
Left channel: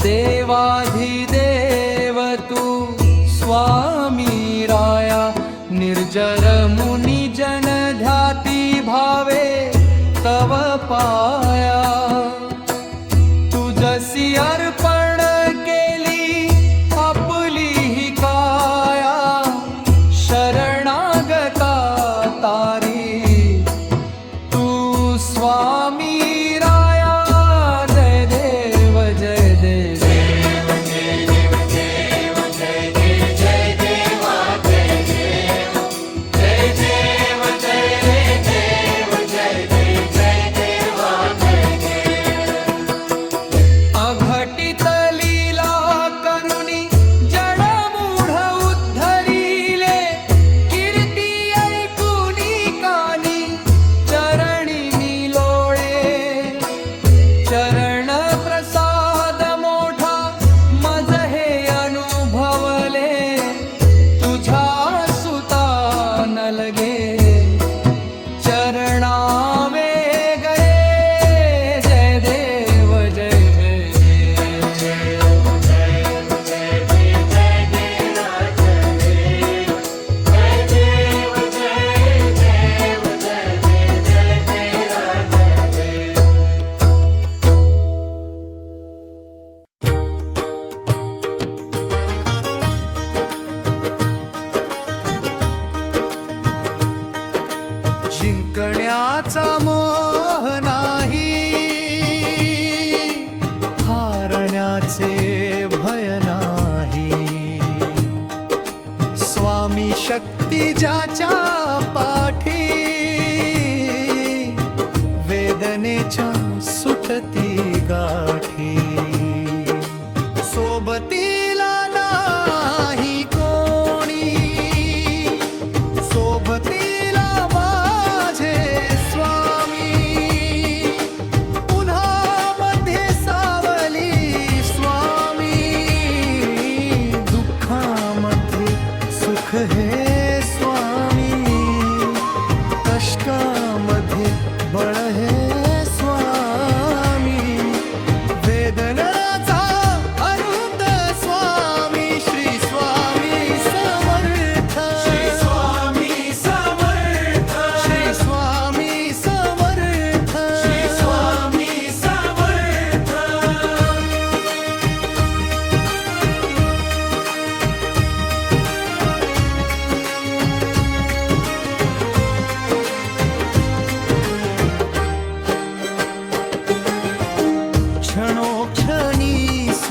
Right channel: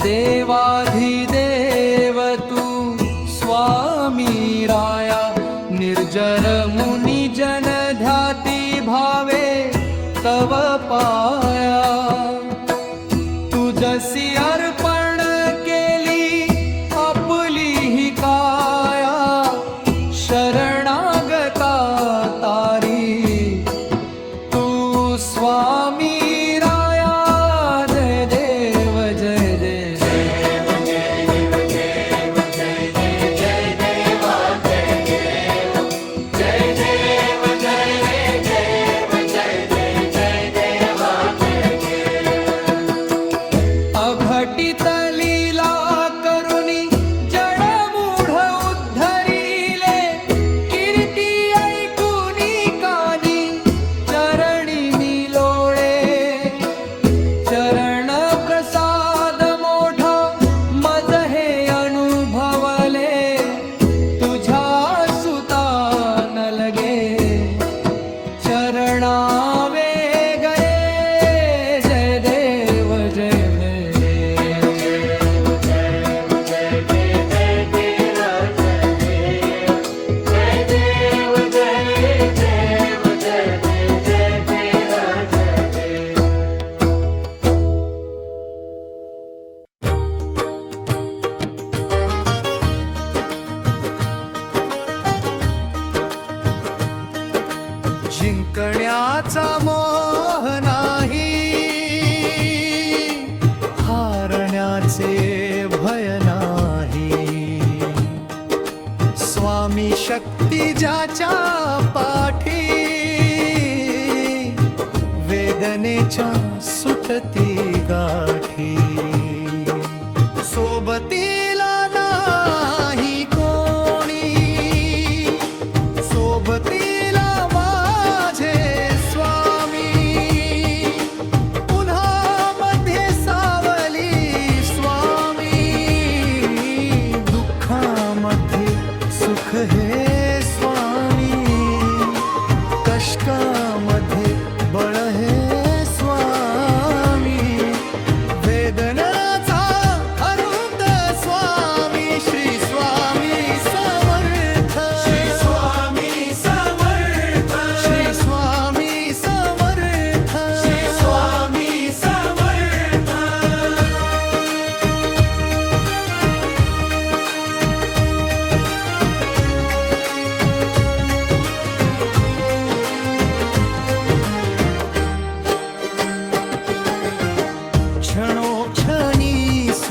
देवाधिदेव तू स्वामी राया, निर्जर मुनी जन ध्याती भावे तव पाया. तुझसी अर्पण केली आपली ही काया, शरणागता तारी तू स्वामी राया. जय देव जय देव. अघटित लीला करुणी जडमूढ उद्धरिले, कीर्ती ऐकुनी कानी चरणी मी लोळे. चरण प्रसाद मोठा मज हे अनुभवले, तुझ्या सुता न लगे चरणा वेगळे. जय देव जय जिंकण्याचा मोह नाही, हारण्याचे भय नाही. स्वामी शक्ती ज्याच्या पाठी, वेदनेच्या सुटती गाठी. सोबतीला नाही कोणी, सोबतीला माझे स्वामी. उन्हामध्ये सावली स्वामी, दुःखामध्ये सुख हे स्वामी.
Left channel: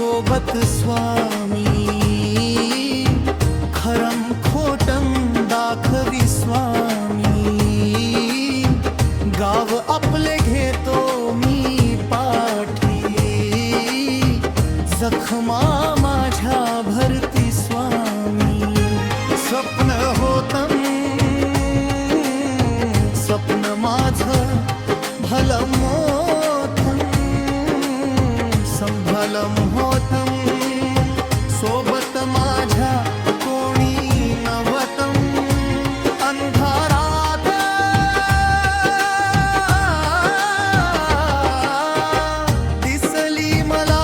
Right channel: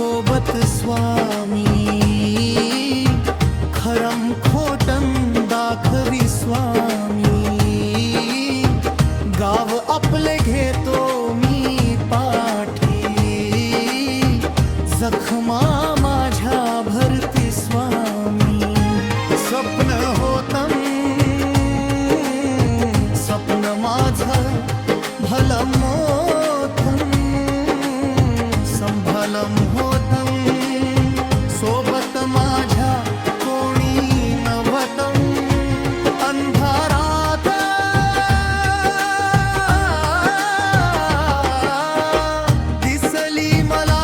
सोबत स्वामी खरम खोटम दाखवी स्वामी गाव आपले घेतो मी पाठी जखमा माझ्या भरती स्वामी स्वप्न होतं स्वप्न माझं भलं मोठं संभलं होतं सोबत माझ्या कोणी नव्हतं अंधारात दिसली मला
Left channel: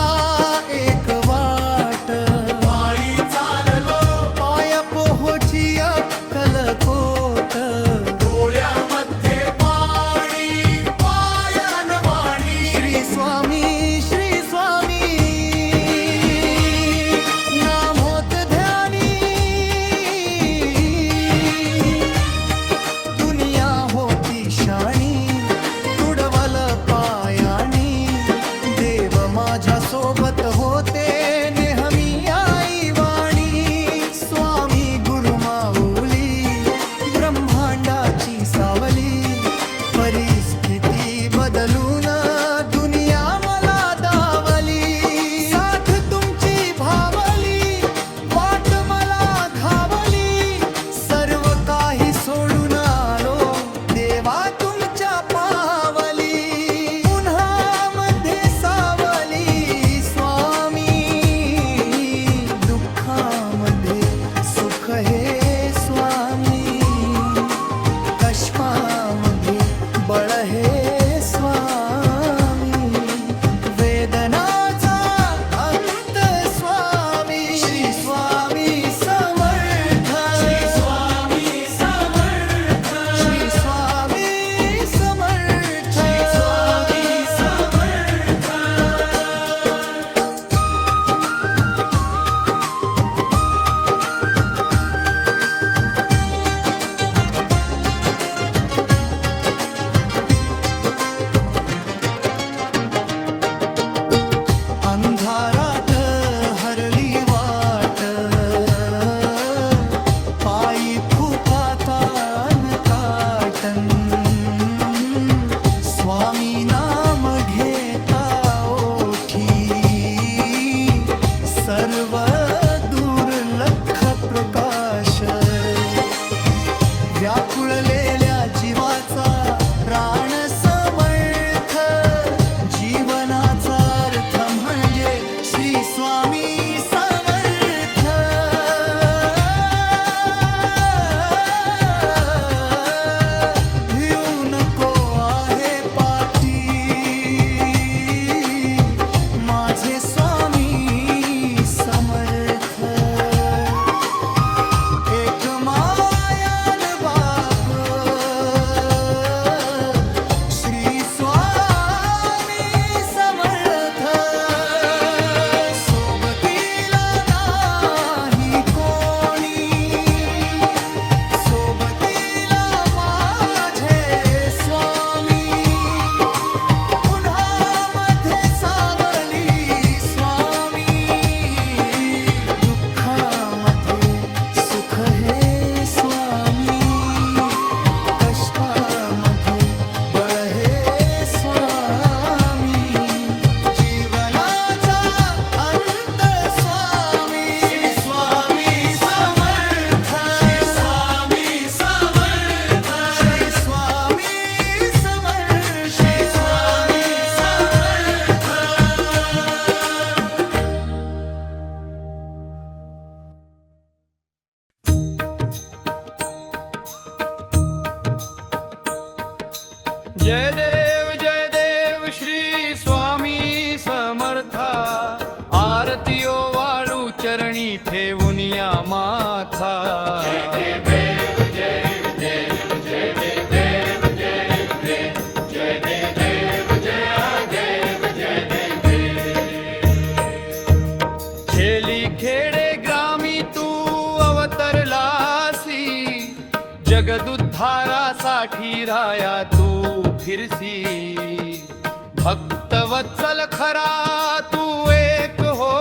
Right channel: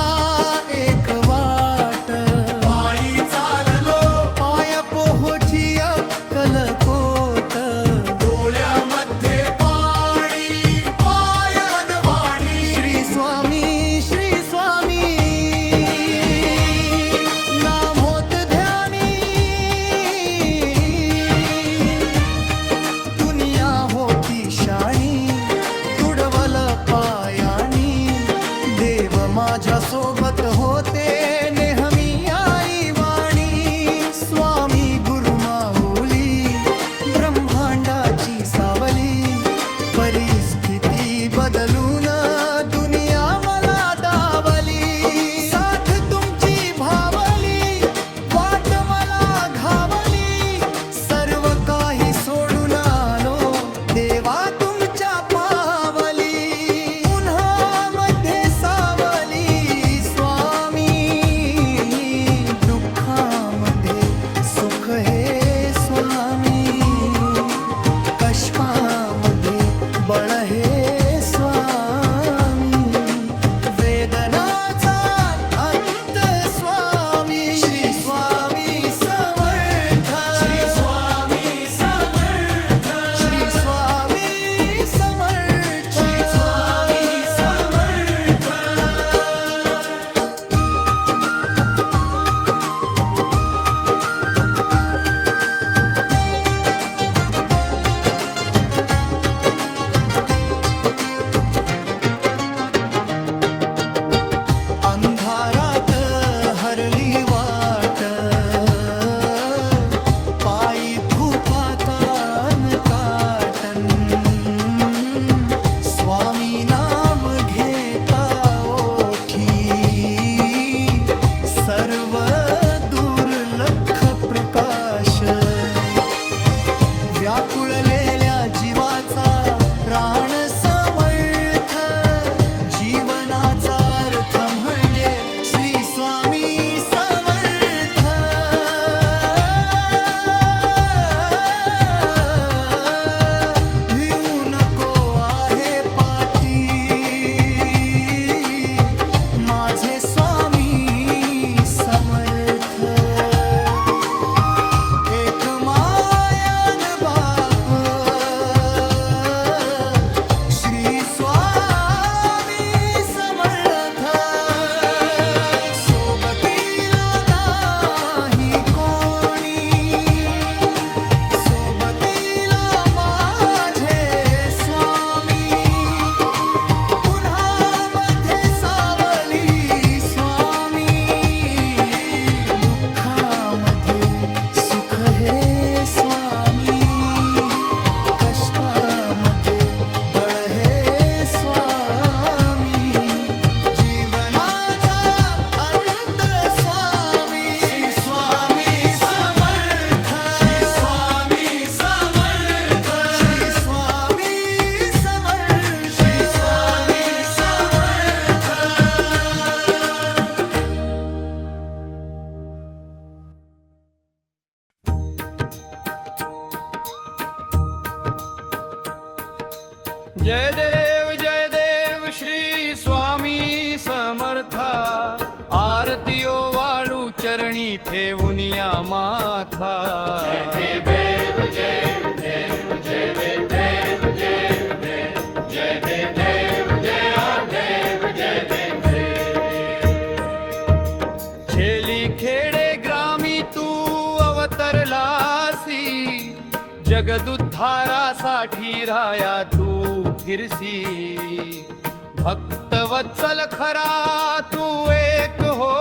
एक वाट पायी चाललो पाय पोहोची अक्कलकोट डोळ्यामध्ये पाणी पायान वाणी श्री स्वामी नाम होत ध्यानी दुनिया होती शाणी तुडवल पायानी देव माझ्या सोबत होते नेहमी आई वाणी स्वामी गुरु माऊली ब्रह्मांडाची सावली परिस्थिती बदलून दुनिया मला दावली साथ तुमची भावली वाट मला घावली सर्व काही सोडून आलो देवा तुमच्या पावली उन्हामध्ये सावली स्वामी दुःखामध्ये सुख हे स्वामी कष्टामध्ये बळ हे स्वामी वेदनाचा अंत स्वामी श्री स्वामी समर्थ श्री स्वामी समर्थ श्री स्वामी समर्थ श्री स्वामी समर्थ अंधारात हरली वाट पायी फुफातान काटन स्वामी नाम घेता ओठी सर्व दुर्लक्ष प्रकाश व्याकुळलेल्या जीवाचा प्राण समर्थ जीवनाचा अर्थ म्हणजे श्री स्वामी समर्थ भिऊ नको आहे पाठी माझे स्वामी समर्थ एक मायान बाप श्री स्वामी समर्थ सोबतीला नाही कोणी सोबतीला माझे स्वामी उन्हामध्ये सावली स्वामी दुःखामध्ये सुख हे स्वामी कष्टामध्ये बळ हे स्वामी जीवनाचा अंत स्वामी स्वामी समर्थ स्वामी समर्थ श्री स्वामी समर्थ स्वामी समर्थ जय देव श्री स्वामी समर्था आरतीयो वाळू चरणी ठेवून या माथा खेली खेडे ग्रामी तू अवतरलासी जगदुद्धारासाठी राया तू फिरसी भक्तवत्सल खरा तू एक हो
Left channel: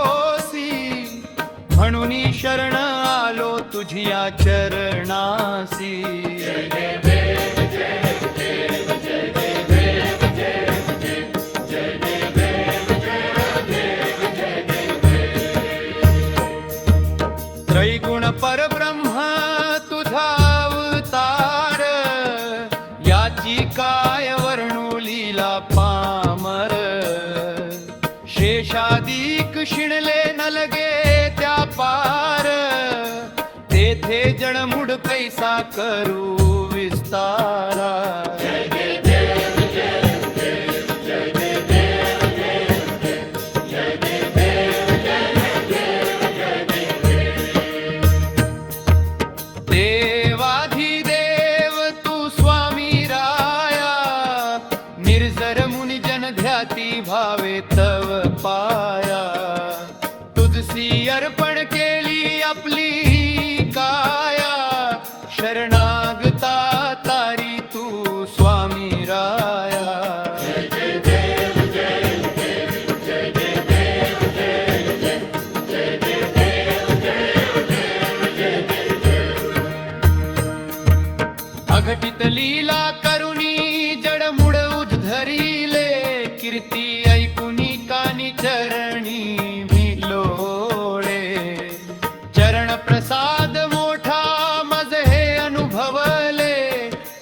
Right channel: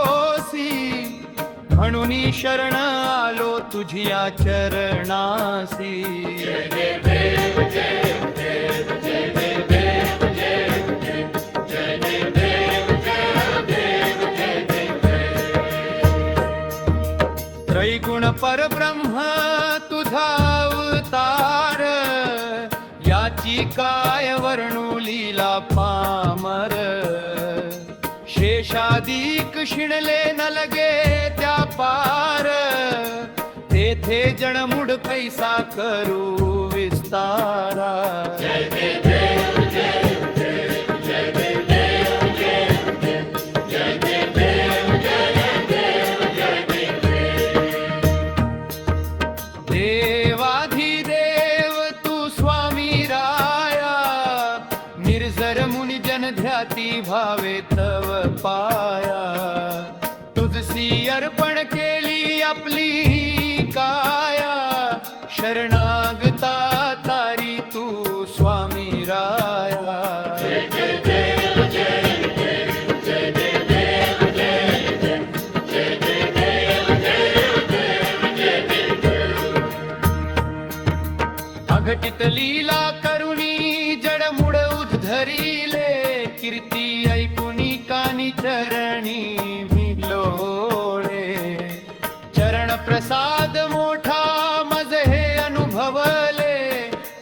म्हणून शरण आलो तुझिया चरणासी. त्रैगुण परब्रह्म तुझा अवतार, याची काय वर्णू लीला पामर. शेषादिक शिणले न लगे त्या पार, तेथे जणमुड कैसा करू विस्तारा. देवाधिदेव तू स्वामी राया, निर्जर मुनी जन ध्याती भावे तव पाया. तुझसी अर्पण केली आपली काया, शरणागता तारी तू स्वामी राया. अघटित लीला करुणी जडमुड उद्धरिले, कीर्ती ऐकुनी कानी चरणी भिलोळे. चरण प्रसाद मोठा मज हे अनुभवले,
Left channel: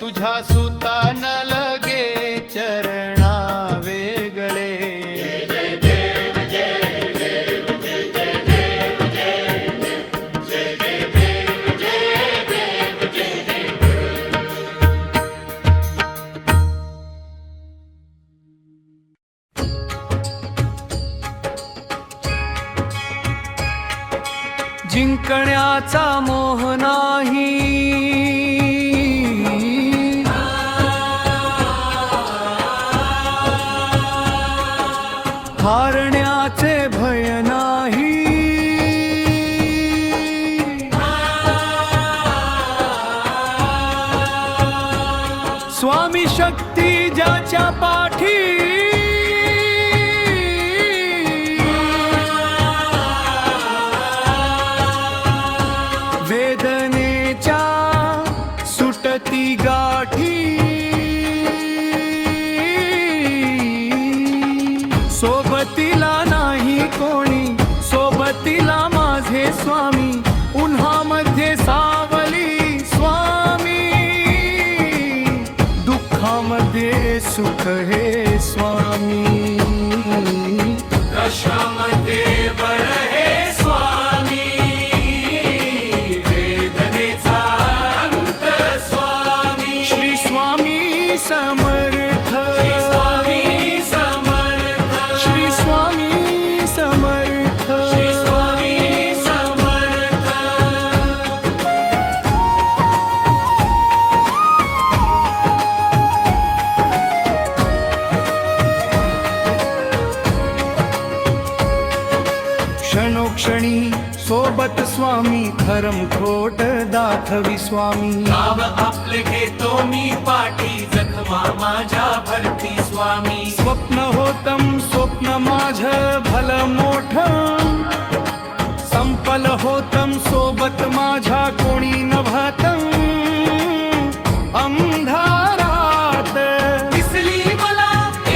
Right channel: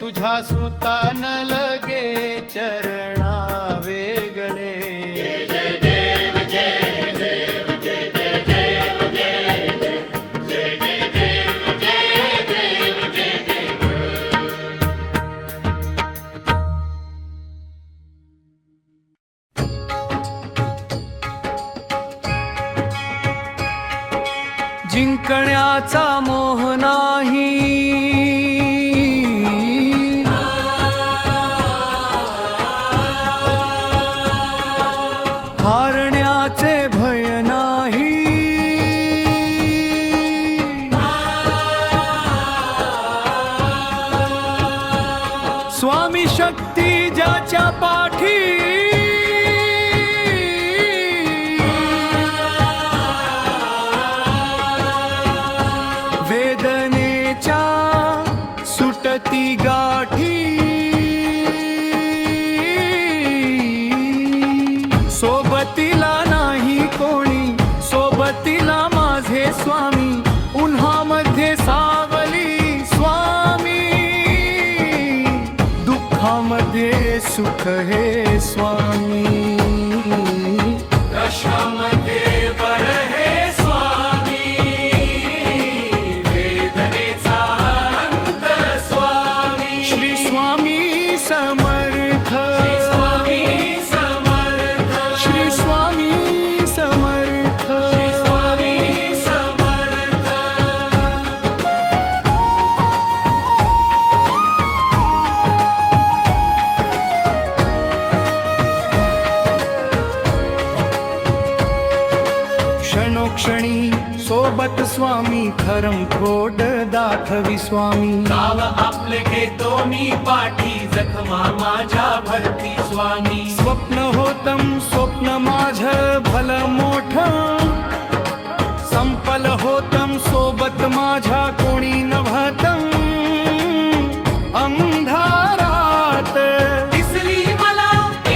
तुझ्या सुता न लगे चरणा वेगळे. जिंकण्याचा मोह नाही, हारण्याचे भय नाही. स्वामी शक्ती ज्याच्या पाठी, वेदनेच्या सुटती गाठी. सोबतीला नाही कोणी, सोबतीला माझे स्वामी. उन्हामध्ये सावली स्वामी, दुःखामध्ये सुख हे स्वामी. कशामध्ये बर हे स्वामी, वेदनेचा अंत स्वामी. श्री स्वामी समर्थ, स्वामी समर्थ, श्री स्वामी समर्थ. स्वामी समर्थ. क्षणोक्षणी सोबत स्वामी, खरम खोट दाखवी स्वामी. नाव आपले घेतो मी पाठी, जखमा माझ्या भरती स्वामी. स्वप्न होतम स्वप्न माझ भलं मोठं, संपल होतम सोबत माझ्या कोणी नभतम. अंधारात दिसली मला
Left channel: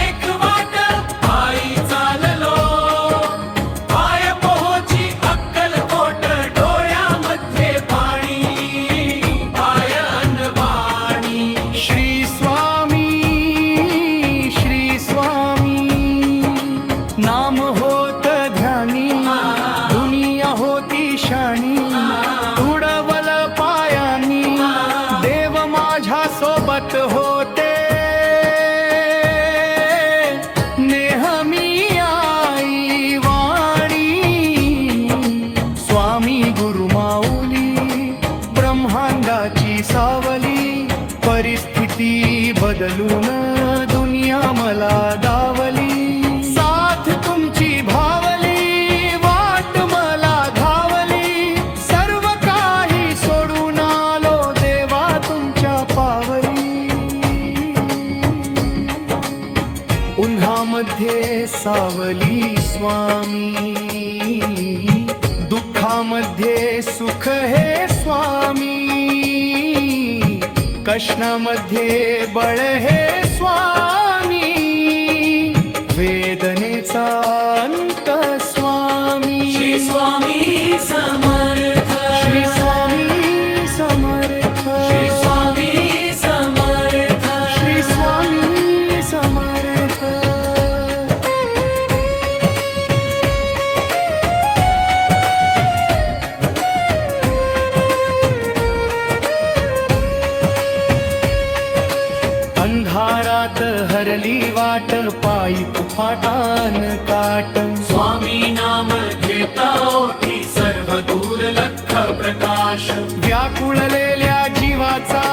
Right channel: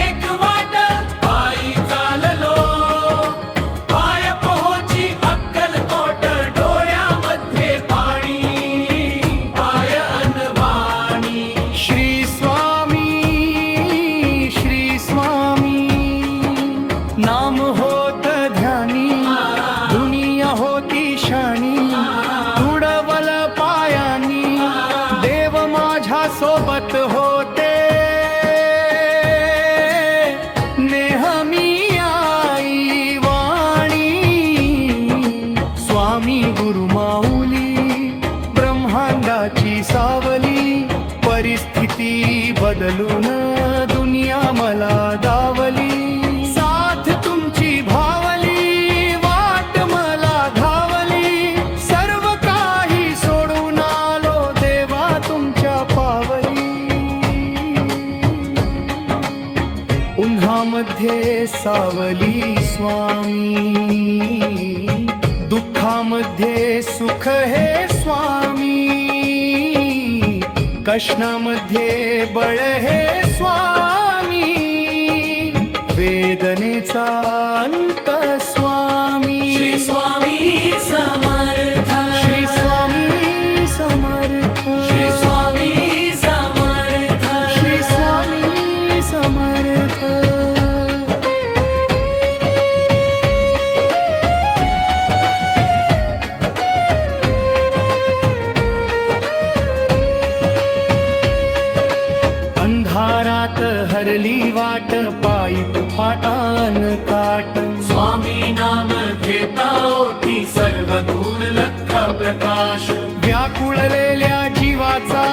एक वाट, पायी चाललो पाय पोहोची अक्कलकोट. डोळ्यामध्ये पाणी, पाय अनवाणी. श्री स्वामी, श्री स्वामी. नाम होत ध्यानी, दुनिया होती शाणी. तुडवल पायानी, देव माझ्या सोबत होते. नेहमी आई वाणी, स्वामी गुरु माऊली. ब्रह्मांडाची सावली, परिस्थिती बदलून दुनिया मला दावली. साथ तुमची भावली, वाट मला घावली. सर्व काही सोडून आलो देवा तुमच्या पावली. उन्हामध्ये सावली स्वामी, दुःखा दुःखामध्ये सुख हे स्वामी, कष्णामध्ये बळ हे स्वामी, वेदनेचा अंत स्वामी. श्री स्वामी समर्थ, श्री स्वामी समर्थ, श्री स्वामी समर्थ, श्री स्वामी समर्थ. अंधारात हरली वाट, पायी फाटान काट. स्वामी नाम घेता ओठी, सर्व दूर लख प्रकाश. व्याकुळलेल्या जीवाचा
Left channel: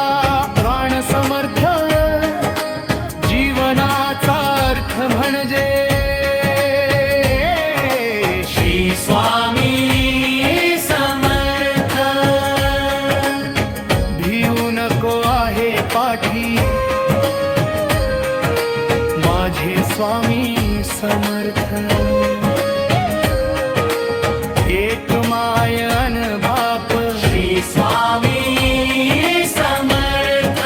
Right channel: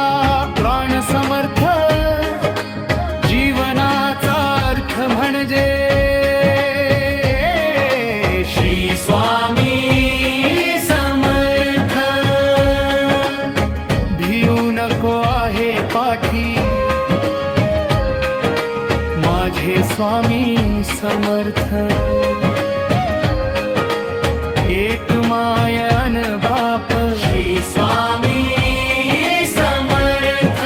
प्राण समर्थ, जीवनाचा अर्थ म्हणजे श्री स्वामी समर्थ. भिऊ नको आहे पाठी, माझे स्वामी समर्थ. एक मायन बाप, श्री स्वामी समर्थ.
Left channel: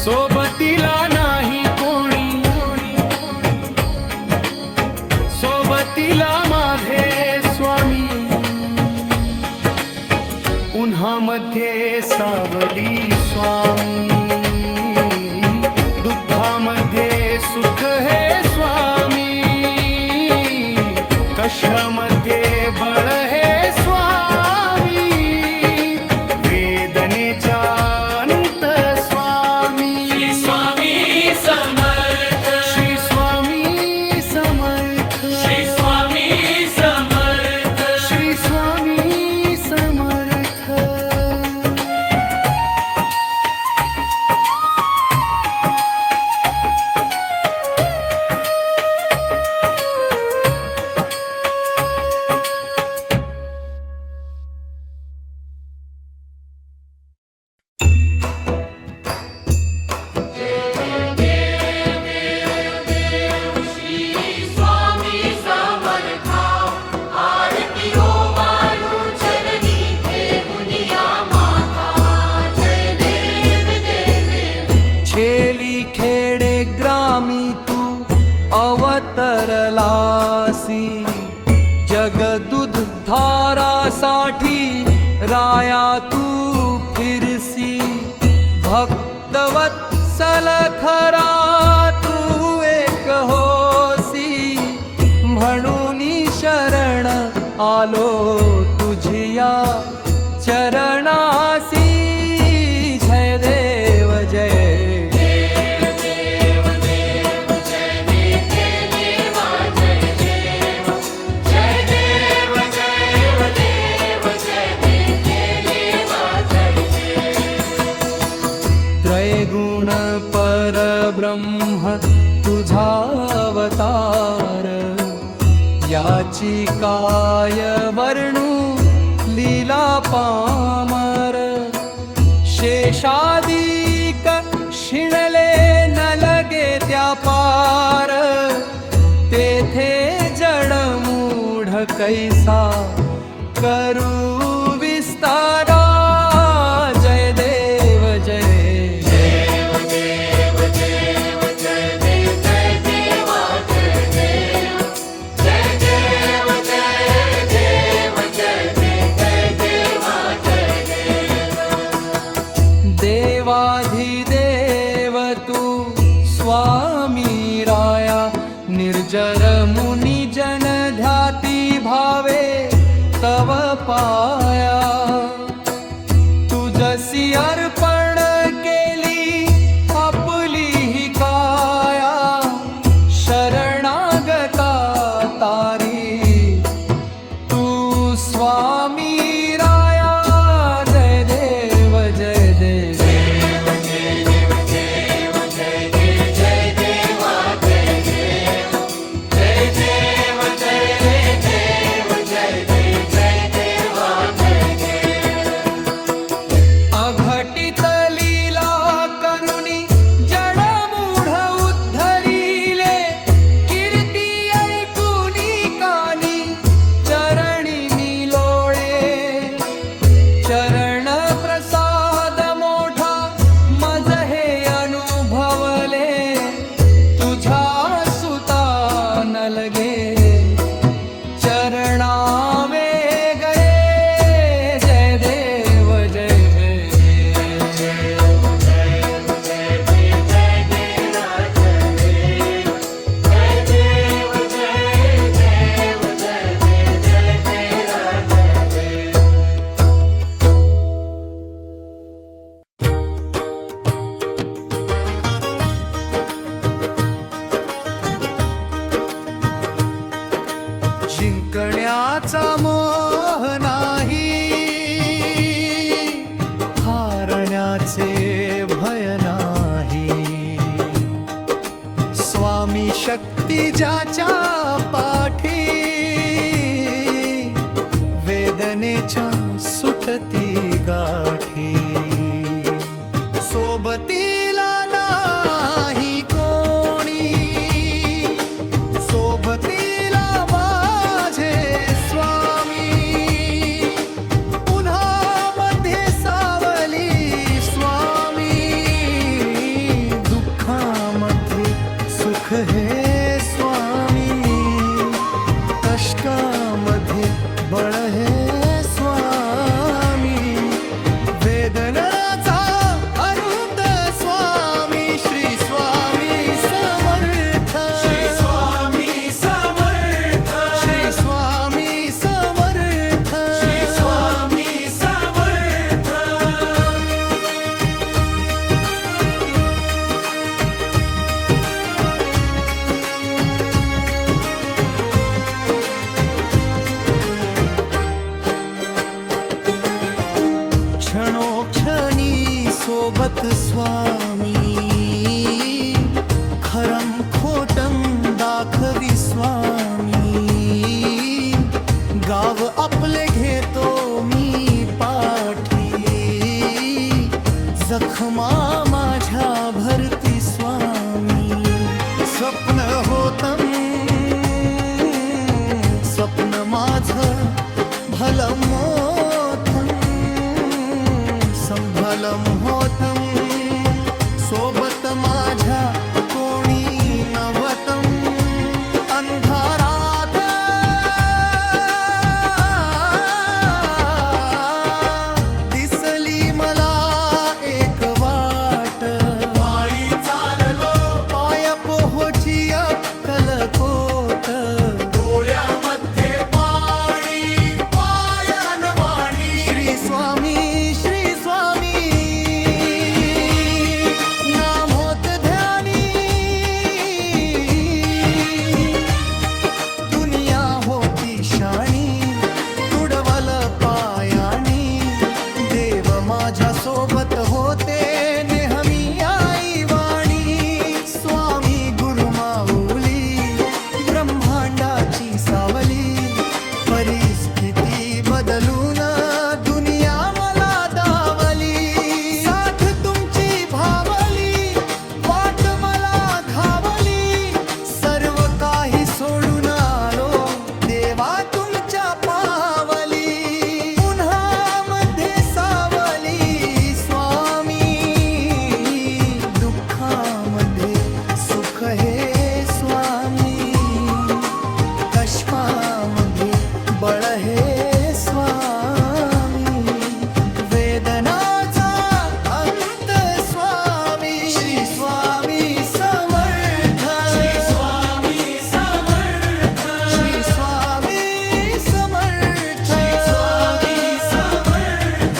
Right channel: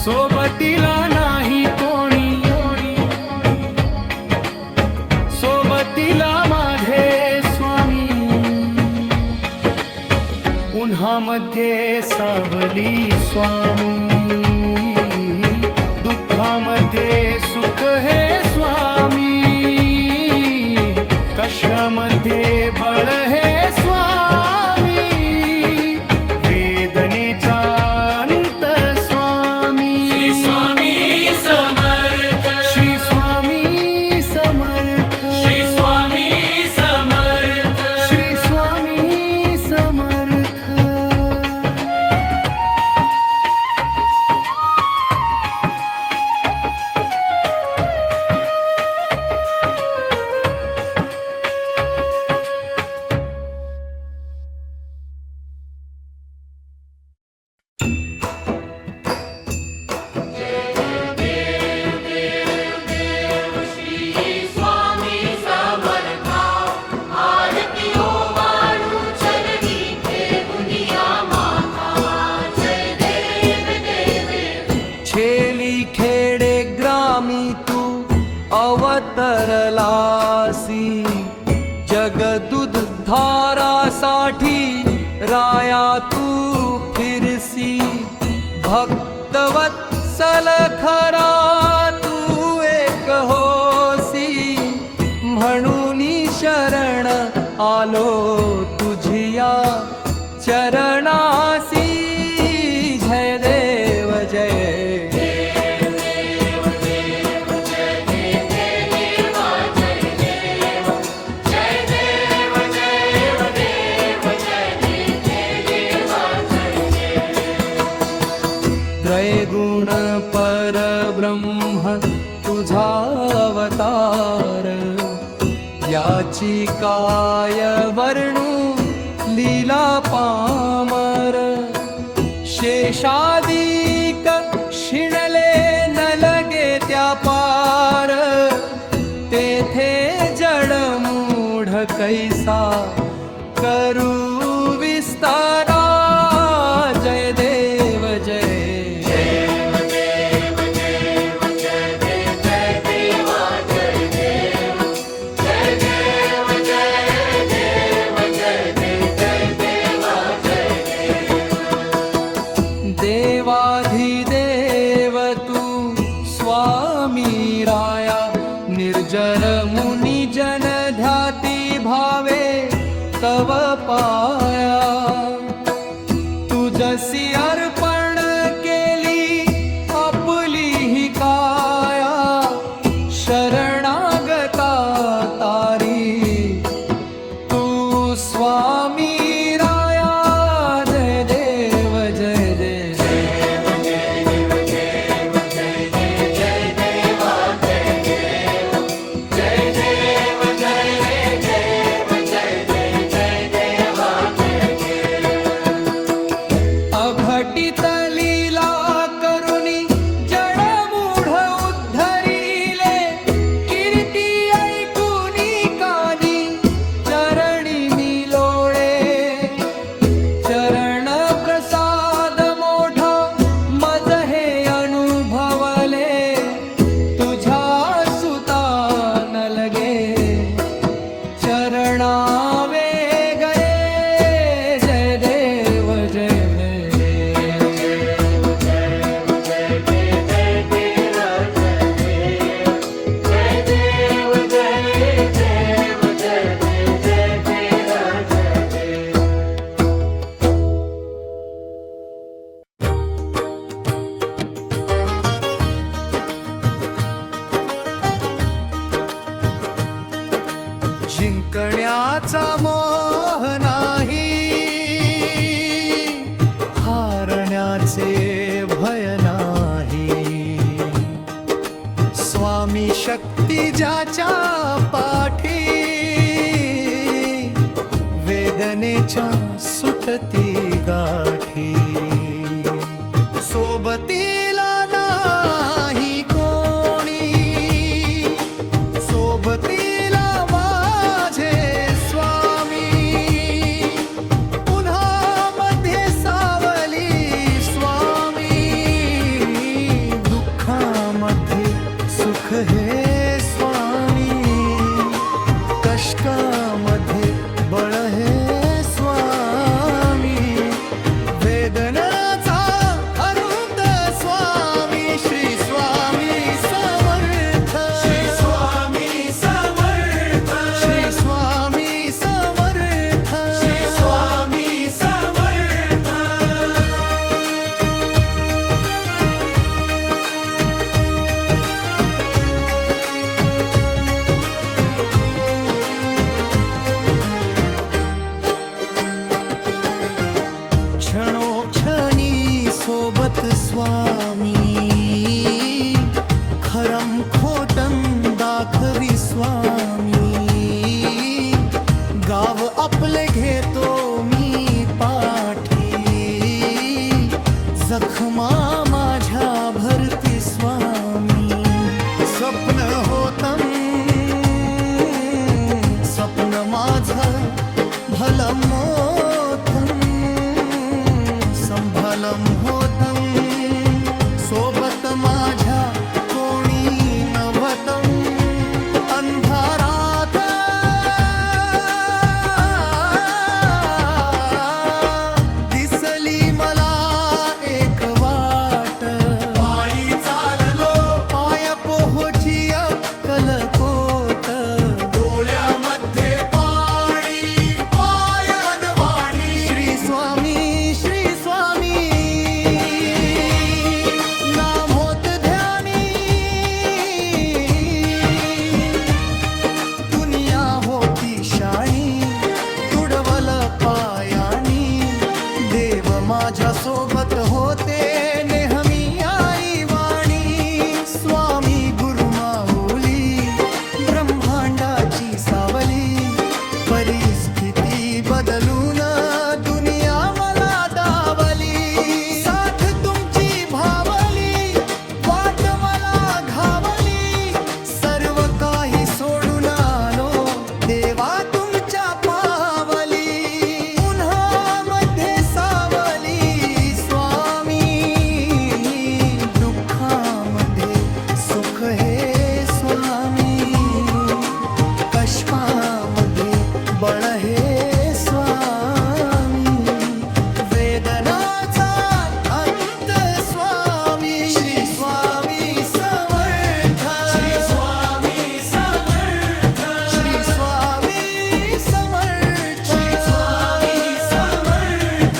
सोबतीला नाही कोणी, सोबतीला माझे स्वामी. उन्हामध्ये सावली स्वामी, दुःखामध्ये सुख हे स्वामी, कष्टामध्ये बळ हे स्वामी, वेदनेचा अंत स्वामी. श्री स्वामी समर्थ, श्री स्वामी समर्थ, श्री स्वामी समर्थ. श्री स्वामी समर्थ. श्री स्वामी समर्था, आरती हो वाळू चरणी, ठेवूनिया माथा. जय देव देव. छेली खेडे ग्रामी तू अवतरलासी, जगदुद्धारासाठी राया तू फिरसी. भक्तवत्सल खरा तू एक होसी, म्हणून शरण आलो तुझिया चरणासी. जय देव जय. त्रैगुण परब्रह्म तुझा अवतार, याची काय वर्णू लीला पामर. शेषादिक शिणले न लगे त्या पार, तेथे जडमूढ कैसा करू विस्तारा. जय देव जय. देवाधिदेव तू स्वामी राया, निर्जर मुनी जन ध्याती भावे तव पाया. तुझसी अर्पण केली आपली ही काया, शरणागता तारी तू स्वामी राया. जय देव जय देव. अघटित लीला करुणी जडमूढ उद्धरिले, कीर्ती ऐकुनी कानी चरणी चरणावे गरे जय देव जय जिंकण्याचा मोह नाही, हारण्याचे भय नाही. स्वामी शक्ती ज्याच्या पाठी, वेदनेच्या सुटती गाठी. सोबतीला नाही कोणी, सोबतीला माझे स्वामी. उन्हामध्ये सावली स्वामी, दुःखामध्ये सुख हे स्वामी. कष्टामध्ये बळ हे स्वामी. वेदनाचा अनंत स्वामी श्री स्वामी समर्थ. श्री स्वामी समर्थ. श्री स्वामी समर्थ. श्री स्वामी समर्थ. क्षणोक्षणी सोबत स्वामी, खरम खोटम दाखवी स्वामी. गाव आपले घेतो मी पाठी, जखमा माझ्या भरती स्वामी. स्वप्न होतम, स्वप्न माझं भलं मोठं, संभलम होतम. सोबत माझ्या कोणी नव्हतं. अंधारात दिसली मला एक वाट. पायी चाललो पाय पोहोची अक्कलकोट. डोळ्यामध्ये पाणी, पायान वाणी. श्री स्वामी श्री स्वामी नाम होत ध्यानी. दुनिया होती शाणी, तुडवल पायानी. देव माझ्या सोबत होते नेहमी आई वाणी. स्वामी गुरु माऊली, ब्रह्मांडाची सावली. परिस्थिती बदलून दुनिया मला दावली. साथ तुमची भावली, वाट मला घावली. सर्व काही सोडून आलो देवा तुमच्या पावली. उन्हामध्ये सावली स्वामी, दुःखामध्ये सुख हे स्वामी. कष्टामध्ये बळ हे स्वामी. वेदनाचा अंत स्वामी श्री स्वामी समर्थ. श्री स्वामी समर्थ. श्री स्वामी समर्थ. श्री स्वामी समर्थ.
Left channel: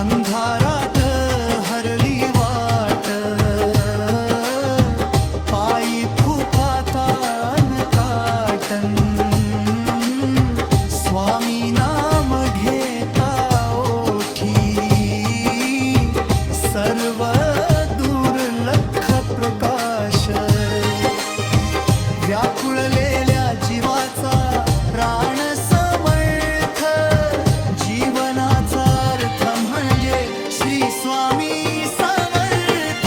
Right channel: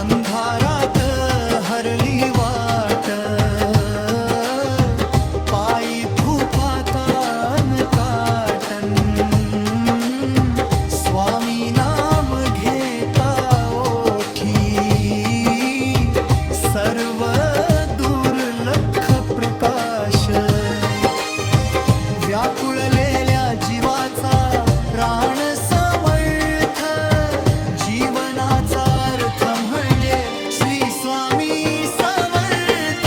अंधारात हरली वाट, पायी फुफातान काटन. स्वामी नाम घेता ओठी, सर्व दुर्लक्ष प्रकाश. व्याकुळलेल्या जीवाचा प्राण समर्थ. जीवनाचा अर्थ म्हणजे श्री स्वामी समर्थ.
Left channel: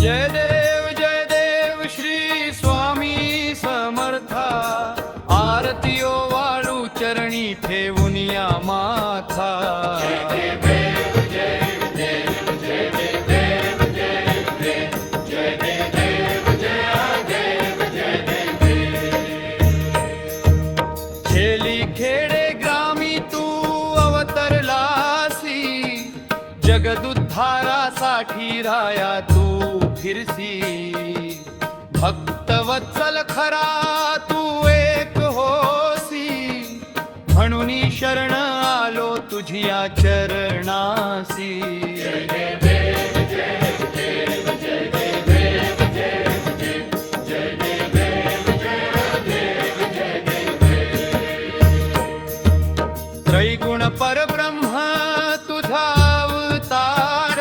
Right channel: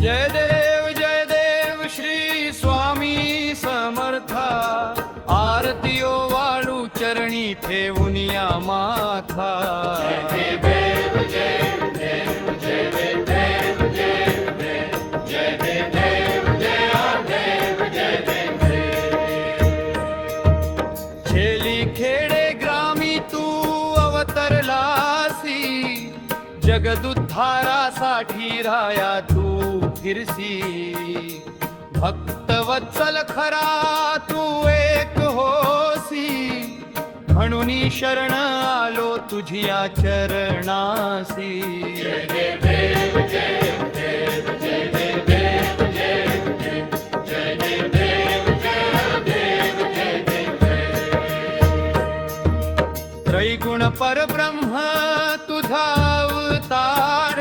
जय देव श्री स्वामी समर्था आरतीयो वाळू चरणी ठेवून या माथा छेली खेडे ग्रामी तू अवतरलासी जगदुद्धारासाठी राया तू फिरसी भक्तवत्सल खरा तू एक होसी म्हणून शरण आलो तुझिया चरणासी त्रैगुण परब्रह्म तुझा अवतार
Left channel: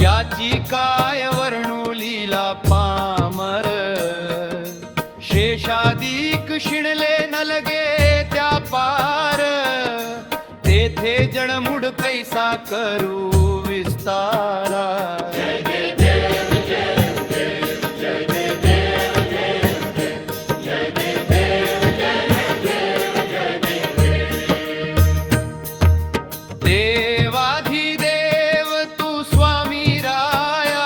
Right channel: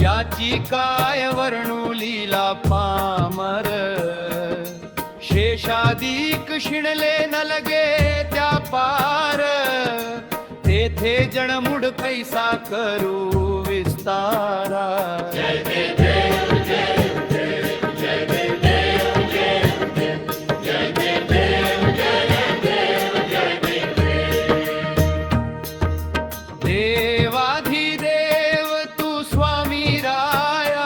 याची काय वर्णू लीला पामर शेषादिक शिणले न लगे त्या पार तेथे जणमुड कैसा करू विस्तारा देवाधिदेव तू स्वामी राया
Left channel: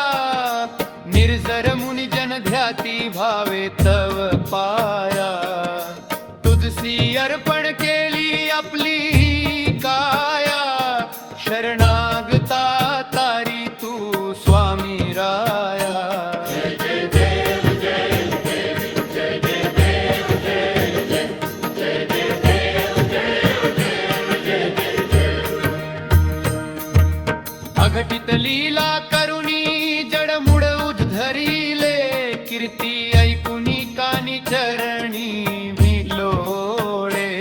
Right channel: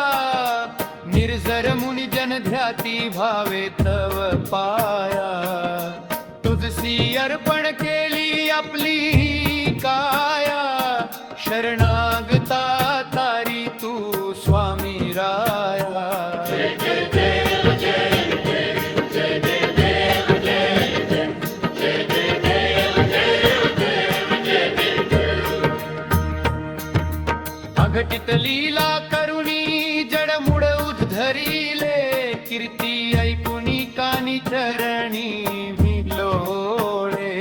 निर्जर मुनी जन ध्याती भावे तव पाया तुझसी अर्पण केली आपली ही काया शरणागता तारी तू स्वामी राया अघटित लीला करुणी जडमुड उद्धरिले कीर्ती ऐकुनी कानी चरणी भिलोळे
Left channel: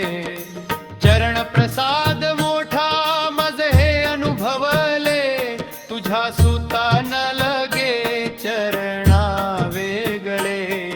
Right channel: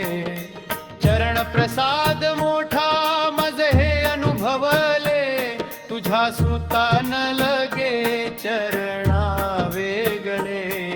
चरण प्रसाद मोठा मज हे अनुभवले तुझ्या सुता न लगे चरणा वेगळे